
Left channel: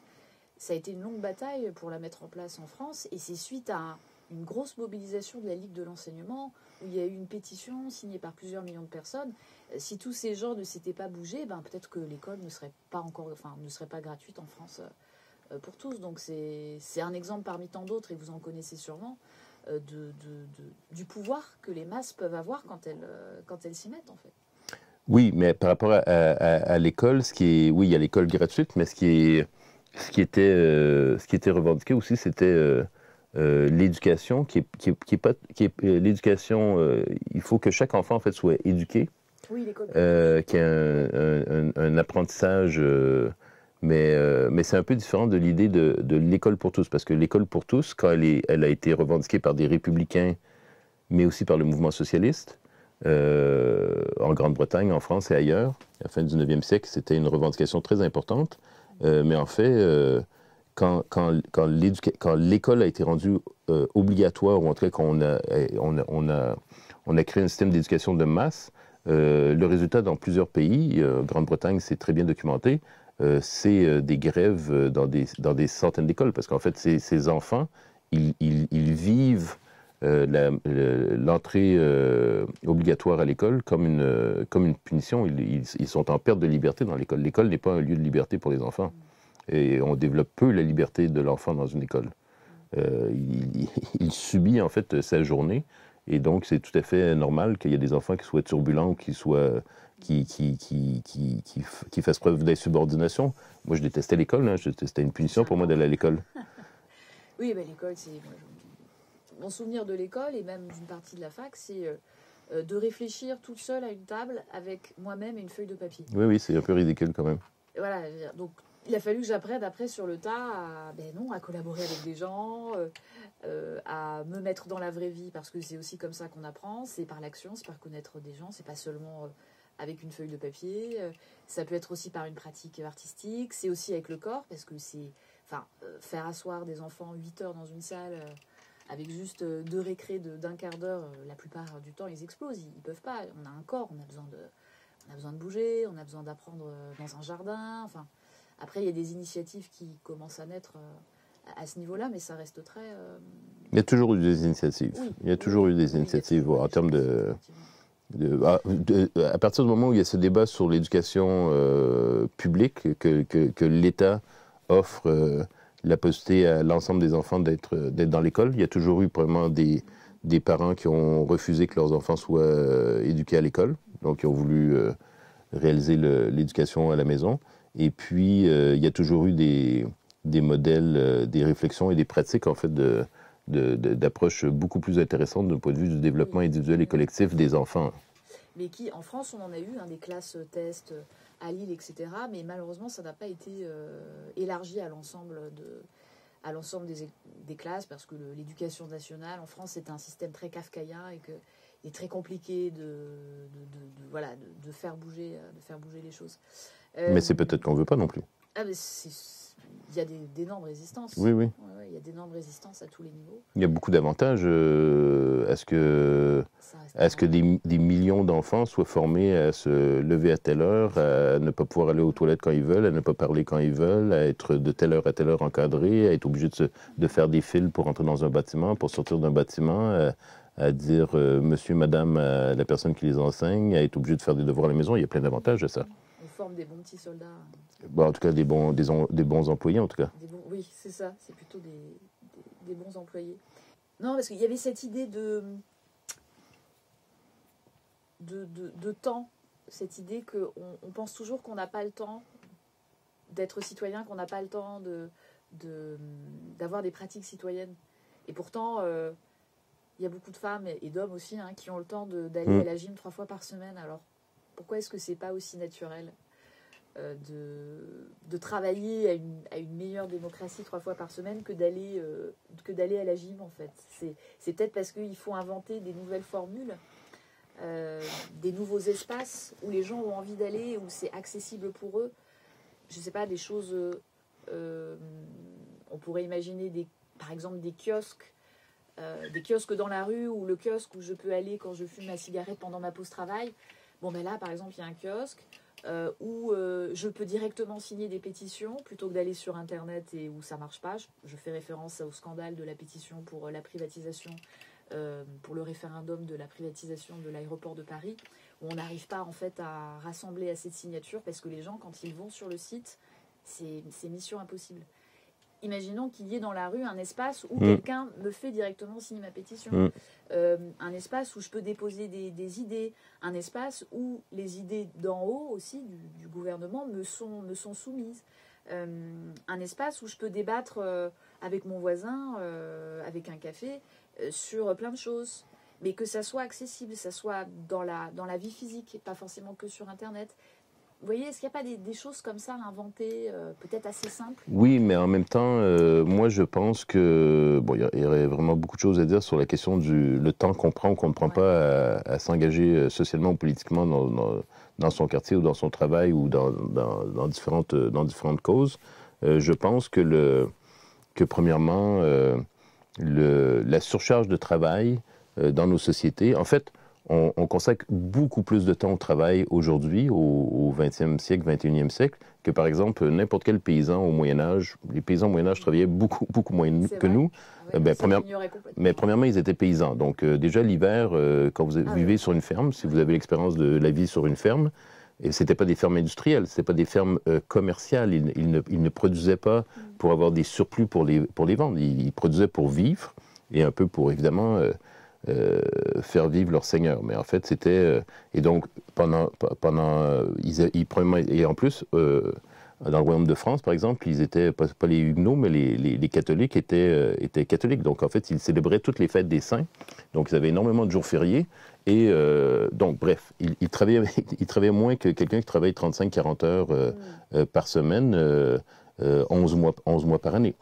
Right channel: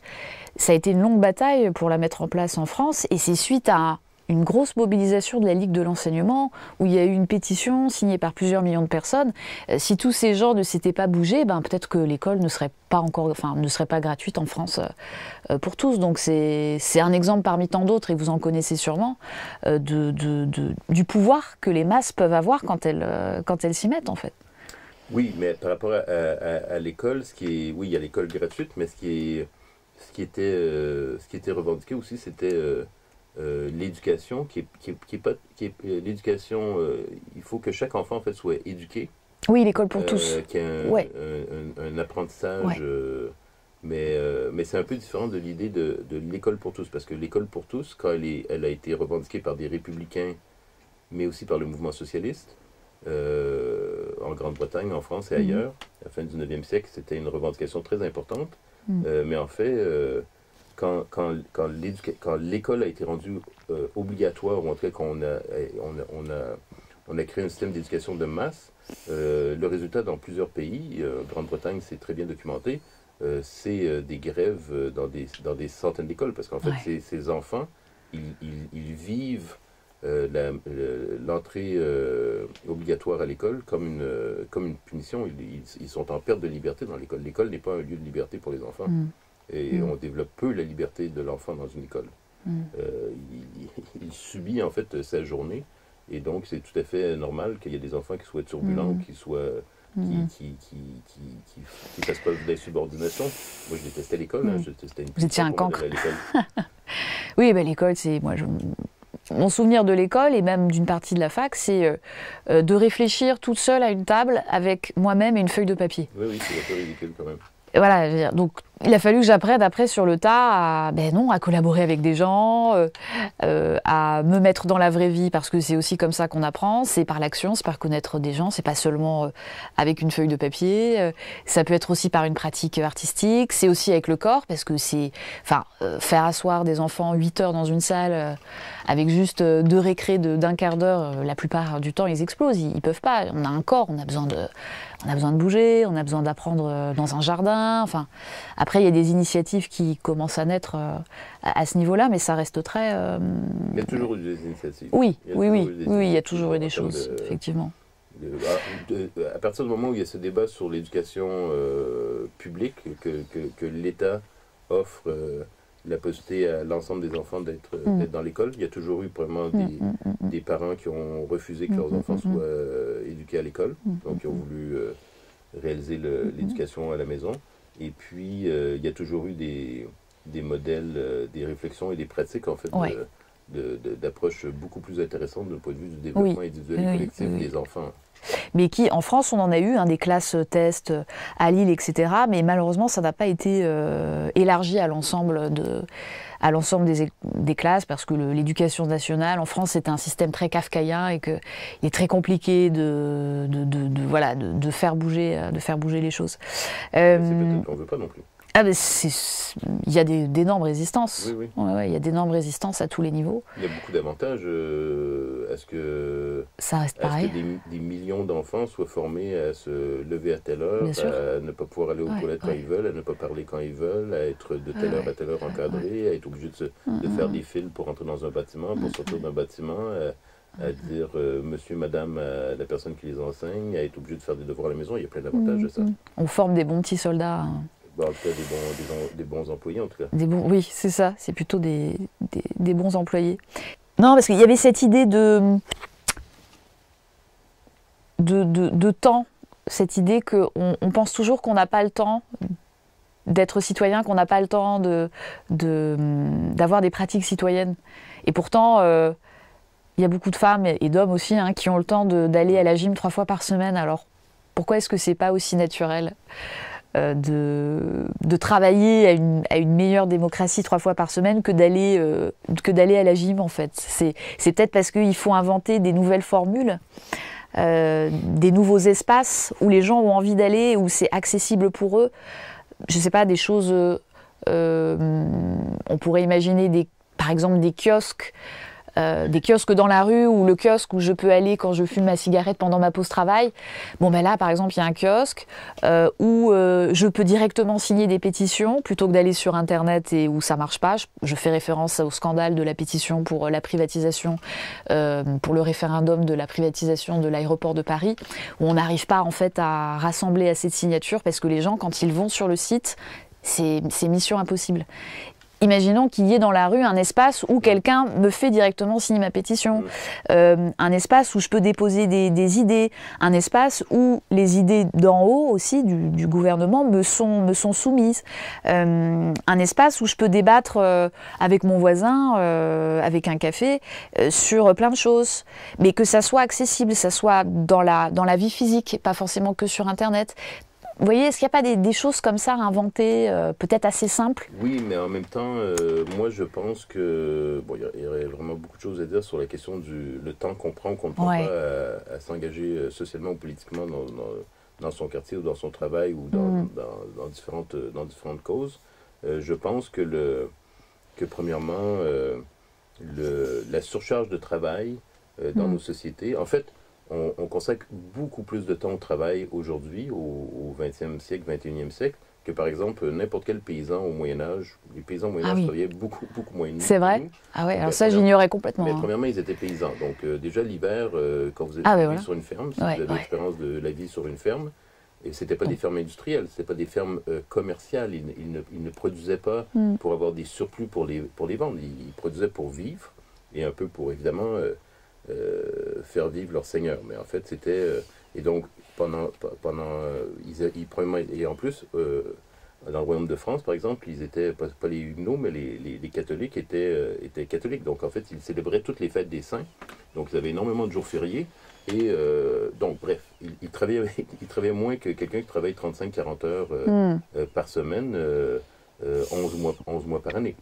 ça a été une longue bataille pour la mettre en place en France, et c'est suite à une grosse mobilisation de la Ligue de l'enseignement, où il y a eu une pétition signée par plusieurs millions de personnes. Si tous ces gens ne s'étaient pas bougés, peut-être que l'école ne serait pas gratuite en France pour tous. Donc c'est un exemple parmi tant d'autres, et vous en connaissez sûrement, du pouvoir que les masses peuvent avoir quand elles s'y mettent, en fait. Oui, mais par rapport à l'école, oui, il y a l'école gratuite, mais ce qui était revendiqué aussi, c'était l'éducation, l'éducation, il faut que chaque enfant en fait soit éduqué. Oui, l'école pour tous. Qui a un apprentissage, mais c'est un peu différent de l'idée de l'école pour tous, parce que l'école pour tous, quand elle a été revendiquée par des républicains, mais aussi par le mouvement socialiste, en Grande-Bretagne, en France et ailleurs, à la fin du 19e siècle, c'était une revendication très importante, mais en fait... Quand l'école a été rendue obligatoire, ou en tout cas qu'on a créé un système d'éducation de masse, le résultat dans plusieurs pays, Grande-Bretagne, c'est très bien documenté, c'est des grèves dans des centaines d'écoles, parce qu'en fait, ces enfants, ils vivent l'entrée obligatoire à l'école comme une punition. Ils sont en perte de liberté dans l'école. L'école n'est pas un lieu de liberté pour les enfants. Et on développe peu la liberté de l'enfant dans une école. Il subit en fait sa journée, et donc c'est tout à fait normal qu'il y ait des enfants qui soient turbulents ou qui fassent preuve d'insubordination. Moi, je détestais l'école, c'était une punition pour moi d'aller à l'école. Oui, l'école, c'est... Mon souvenir de l'école, et même d'une partie de la fac, c'est de réfléchir toute seule à une table avec moi-même et une feuille de papier. Oui, c'est un peu ridicule quand même. Voilà, donc Il a fallu que j'apprenne après sur le tas à, ben non, à collaborer avec des gens, à me mettre dans la vraie vie, parce que c'est aussi comme ça qu'on apprend, c'est par l'action, c'est par connaître des gens, c'est pas seulement avec une feuille de papier, ça peut être aussi par une pratique artistique, c'est aussi avec le corps, parce que c'est, enfin, faire asseoir des enfants 8 heures dans une salle avec juste 2 récrés d'un quart d'heure, la plupart du temps ils explosent, ils peuvent pas, on a un corps, on a besoin de bouger, on a besoin d'apprendre dans un jardin. Enfin, après, il y a des initiatives qui commencent à naître à ce niveau-là, mais ça reste très... Il y a toujours eu des initiatives. Oui, il y a toujours eu des initiatives. Oui, il y a toujours eu des choses, effectivement. À partir du moment où il y a ce débat sur l'éducation publique, que l'État offre la possibilité à l'ensemble des enfants d'être dans l'école, il y a toujours eu probablement des parents qui ont refusé que leurs enfants soient éduqués à l'école, donc qui ont voulu réaliser l'éducation à la maison. Et puis, il y a toujours eu des modèles, des réflexions et des pratiques, en fait, d'approches beaucoup plus intéressantes d'un point de vue du développement individuel et collectif des enfants. Mais qui, en France, on en a eu des classes tests à Lille, etc. Mais malheureusement, ça n'a pas été élargi à l'ensemble des classes, parce que l'éducation nationale, en France, c'est un système très kafkaïen et qu'il est très compliqué de faire bouger les choses. Mais c'est peut-être qu'on ne veut pas non plus. Ah ben il y a d'énormes résistances. Oui, oui. Ouais, il y a d'énormes résistances à tous les niveaux. Il y a beaucoup d'avantages à ce que des millions d'enfants soient formés à se lever à telle heure, à ne pas pouvoir aller aux toilettes quand ils veulent, à ne pas parler quand ils veulent, à être de telle heure à telle heure encadrés, à être obligé de faire des fils pour entrer dans un bâtiment, pour sortir d'un bâtiment, à dire monsieur, madame à la personne qui les enseigne, à être obligé de faire des devoirs à la maison. Il y a plein d'avantages à ça. On forme des bons petits soldats. Bon, en tout cas, des bons employés, en tout cas. Oui, c'est ça. C'est plutôt des bons employés. Non, parce qu'il y avait cette idée de temps, cette idée qu'on pense toujours qu'on n'a pas le temps d'être citoyen, qu'on n'a pas le temps d'avoir des pratiques citoyennes. Et pourtant, il y a beaucoup de femmes et d'hommes aussi qui ont le temps d'aller à la gym 3 fois par semaine. Alors, pourquoi est-ce que c'est pas aussi naturel de travailler à une meilleure démocratie 3 fois par semaine que d'aller à la gym, en fait. C'est peut-être parce qu'il faut inventer des nouvelles formules, des nouveaux espaces où les gens ont envie d'aller, où c'est accessible pour eux. Je ne sais pas, des choses... on pourrait imaginer, par exemple, des kiosques dans la rue, ou le kiosque où je peux aller quand je fume ma cigarette pendant ma pause travail. Bon, ben là, par exemple, il y a un kiosque où je peux directement signer des pétitions plutôt que d'aller sur Internet et où ça marche pas. Je fais référence au scandale de la pétition pour la privatisation, pour le référendum de la privatisation de l'aéroport de Paris, où on n'arrive pas en fait à rassembler assez de signatures parce que les gens, quand ils vont sur le site, c'est mission impossible. Imaginons qu'il y ait dans la rue un espace où quelqu'un me fait directement signer ma pétition, un espace où je peux déposer des idées, un espace où les idées d'en haut aussi, du gouvernement, me sont soumises, un espace où je peux débattre avec mon voisin, avec un café, sur plein de choses, mais que ça soit accessible, ça soit dans la vie physique, pas forcément que sur Internet. Vous voyez, est-ce qu'il n'y a pas des choses comme ça à inventer, peut-être assez simples? Oui, mais en même temps, moi je pense que il y aurait vraiment beaucoup de choses à dire sur la question le temps qu'on prend ou qu'on ne prend pas à s'engager socialement ou politiquement dans son quartier ou dans son travail ou dans différentes causes. Je pense que premièrement, la surcharge de travail dans nos sociétés, en fait, on consacre beaucoup plus de temps au travail aujourd'hui, au 20e siècle, 21e siècle, que par exemple n'importe quel paysan au Moyen-Âge. Les paysans au Moyen-Âge travaillaient beaucoup moins que nous. C'est vrai? Ah ouais, alors ça j'ignorais complètement. Mais premièrement, ils étaient paysans. Donc déjà l'hiver, quand vous vivez sur une ferme, si vous avez l'expérience de la vie sur une ferme, et ce n'étaient pas des fermes industrielles, ce n'étaient pas des fermes commerciales. Ils ne produisaient pas pour avoir des surplus pour les vendre. Ils produisaient pour vivre et un peu pour, évidemment... faire vivre leur seigneur. Mais en fait, c'était... et donc, et en plus, dans le royaume de France, par exemple, ils étaient, pas les Huguenots, mais les catholiques étaient catholiques. Donc, en fait, ils célébraient toutes les fêtes des saints. Donc, ils avaient énormément de jours fériés. Et donc, bref, ils travaillaient moins que quelqu'un qui travaille 35-40 heures par semaine, 11 mois par année.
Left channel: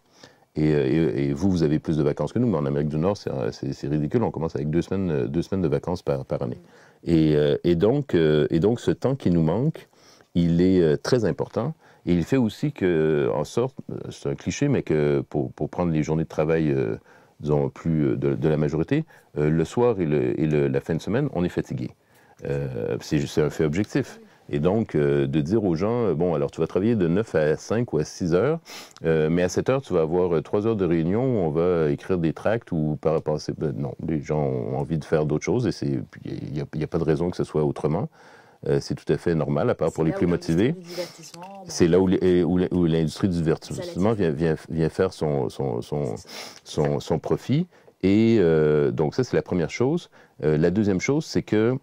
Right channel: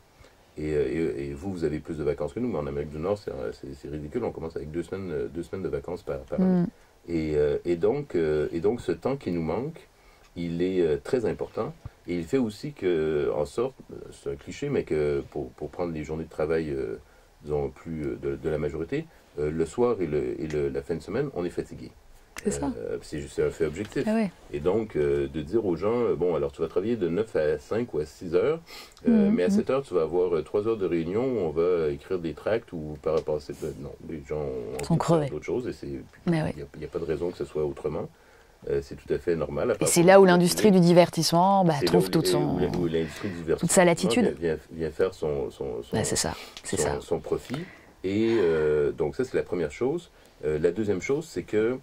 Et vous avez plus de vacances que nous, mais en Amérique du Nord, c'est ridicule. On commence avec 2 semaines de vacances par année. Et donc, ce temps qui nous manque, il est très important. Et il fait aussi que, en sorte, c'est un cliché, mais que pour prendre les journées de travail, disons, plus de la majorité, le soir et la fin de semaine, on est fatigué. C'est un fait objectif. Ah ouais. Et donc, de dire aux gens, bon, alors tu vas travailler de 9 à 5 ou à 6 heures, mais à 7 heures, tu vas avoir 3 heures de réunion où on va écrire des tracts ou par rapport à... non, les gens ont envie de faire d'autres choses et il n'y a pas de raison que ce soit autrement. C'est tout à fait normal. C'est là où l'industrie du divertissement c'est là où l'industrie du divertissement vient faire son profit. Et donc ça, c'est la première chose. La deuxième chose, c'est que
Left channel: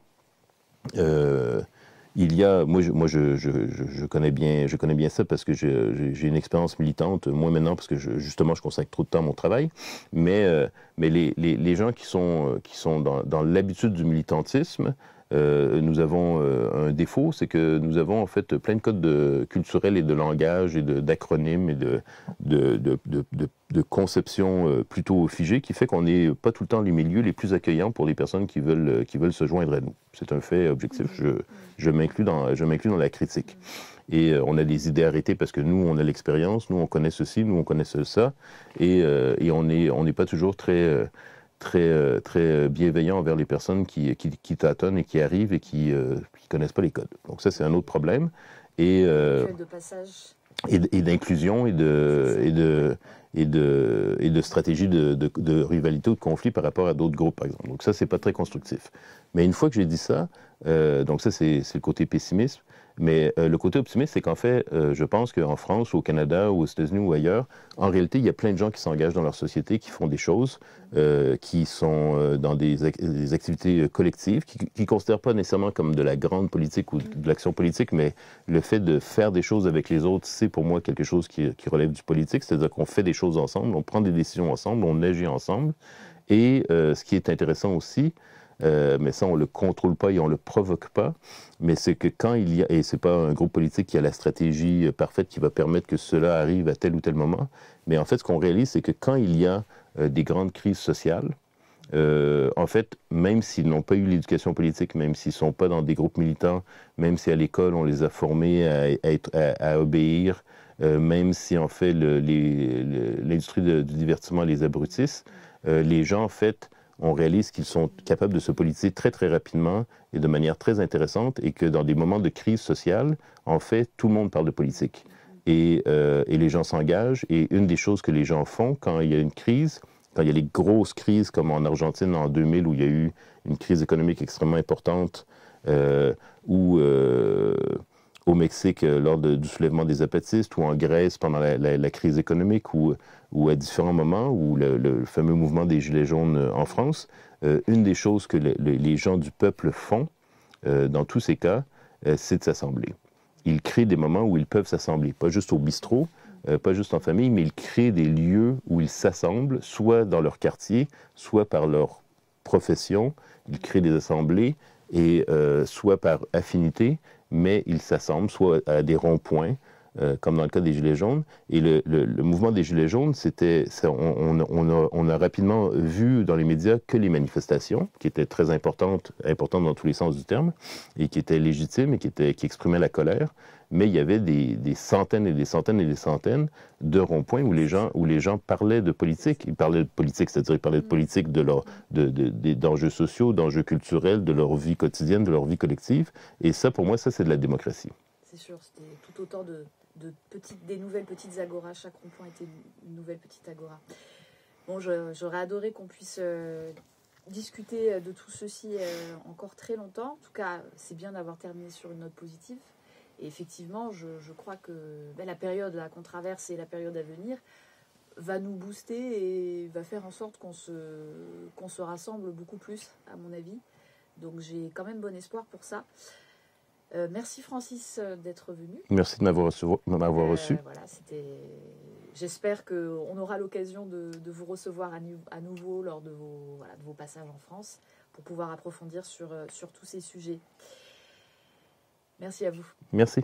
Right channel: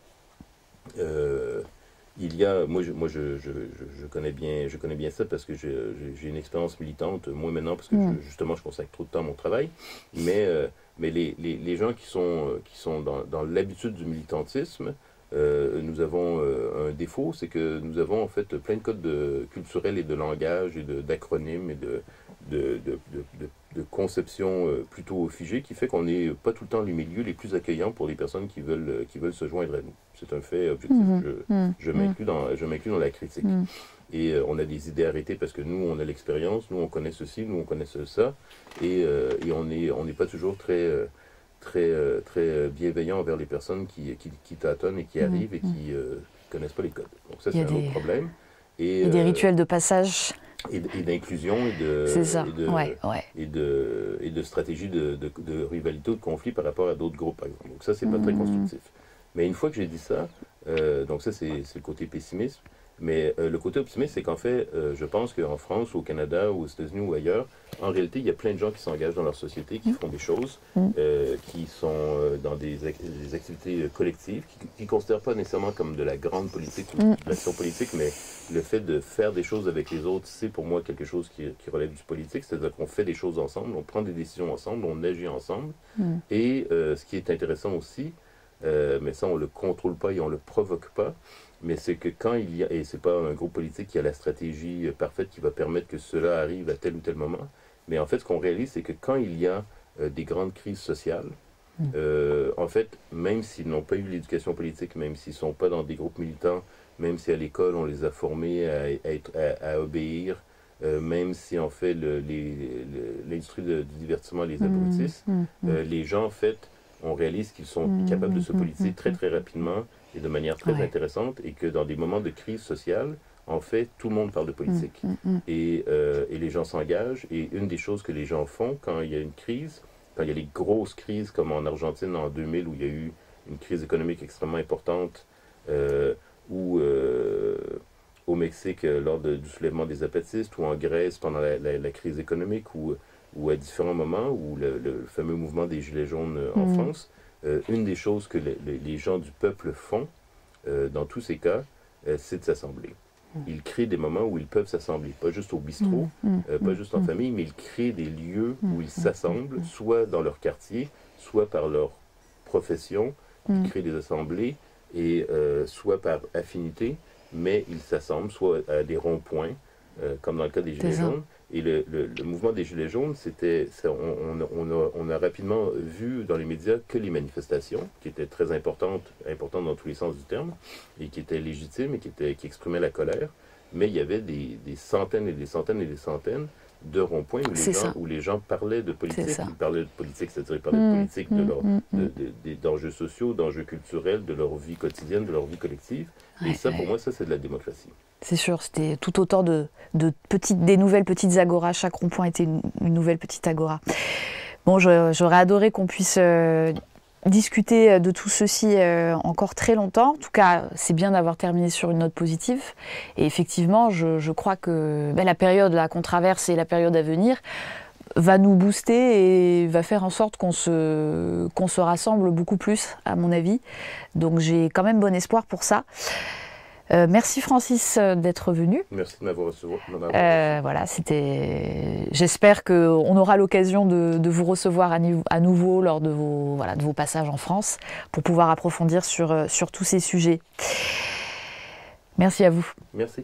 il y a, moi je connais bien ça parce que j'ai une expérience militante, moins maintenant parce que justement je consacre trop de temps à mon travail, mais les gens qui sont dans l'habitude du militantisme, nous avons un défaut, c'est que nous avons en fait plein de codes culturels et de langage et d'acronymes et de conceptions plutôt figées qui fait qu'on n'est pas tout le temps les milieux les plus accueillants pour les personnes qui veulent se joindre à nous. C'est un fait objectif. Je m'inclus dans la critique. Et on a des idées arrêtées parce que nous, on a l'expérience, nous, on connaît ceci, nous, on connaît ça. Et on n'est pas toujours très bienveillant envers les personnes qui tâtonnent et qui arrivent et qui connaissent pas les codes. Donc ça, c'est un autre problème. Et, des rituels de passage. Et d'inclusion et de stratégie de rivalité ou de conflit par rapport à d'autres groupes, par exemple. Donc ça, c'est pas très constructif. Mais une fois que j'ai dit ça, donc ça, c'est le côté pessimiste. Mais le côté optimiste, c'est qu'en fait, je pense qu'en France, ou au Canada, ou aux États-Unis, ou ailleurs, en réalité, il y a plein de gens qui s'engagent dans leur société, qui font des choses, qui sont dans des activités collectives, qui ne considèrent pas nécessairement comme de la grande politique ou de l'action politique, mais le fait de faire des choses avec les autres, c'est pour moi quelque chose qui relève du politique, c'est-à-dire qu'on fait des choses ensemble, on prend des décisions ensemble, on agit ensemble. Et ce qui est intéressant aussi, mais ça, on ne le contrôle pas et on ne le provoque pas. Mais c'est que quand il y a, et ce n'est pas un groupe politique qui a la stratégie parfaite qui va permettre que cela arrive à tel ou tel moment, mais en fait, ce qu'on réalise, c'est que quand il y a des grandes crises sociales, en fait, même s'ils n'ont pas eu l'éducation politique, même s'ils ne sont pas dans des groupes militants, même si à l'école, on les a formés à obéir, même si en fait l'industrie du divertissement les abrutisse, les gens, en fait, on réalise qu'ils sont capables de se politiser très très rapidement et de manière très intéressante et que dans des moments de crise sociale, en fait, tout le monde parle de politique. Et les gens s'engagent. Et une des choses que les gens font quand il y a une crise, quand il y a les grosses crises comme en Argentine en 2000 où il y a eu une crise économique extrêmement importante, ou au Mexique lors du soulèvement des apatistes, ou en Grèce pendant la crise économique, ou à différents moments, ou le fameux mouvement des Gilets jaunes en France, une des choses que les gens du peuple font, dans tous ces cas, c'est de s'assembler. Ils créent des moments où ils peuvent s'assembler, pas juste au bistrot, pas juste en famille, mais ils créent des lieux où ils s'assemblent, soit dans leur quartier, soit par leur profession. Ils créent des assemblées, et soit par affinité, mais ils s'assemblent, soit à des ronds-points, comme dans le cas des Gilets jaunes. Et le mouvement des Gilets jaunes, on a rapidement vu dans les médias que les manifestations, qui étaient très importantes dans tous les sens du terme, et qui étaient légitimes et qui exprimaient la colère, mais il y avait des centaines et des centaines et des centaines de ronds-points où les gens parlaient de politique. Ils parlaient de politique, c'est-à-dire ils parlaient de politique d'enjeux sociaux, d'enjeux culturels, de leur vie quotidienne, de leur vie collective. Et ça, pour moi, ça, c'est de la démocratie. C'est sûr, c'était tout autant des nouvelles petites agoras. Chaque rond-point était une nouvelle petite agora. Bon, j'aurais adoré qu'on puisse discuter de tout ceci encore très longtemps. En tout cas, c'est bien d'avoir terminé sur une note positive. Et effectivement, je crois que la période là, qu'on traverse et la période à venir va nous booster et va faire en sorte qu'on se rassemble beaucoup plus, à mon avis. Donc j'ai quand même bon espoir pour ça. Merci Francis d'être venu. Merci de m'avoir reçu. Voilà, j'espère qu'on aura l'occasion de vous recevoir à nouveau lors de vos passages en France pour pouvoir approfondir sur tous ces sujets. Merci à vous. Merci.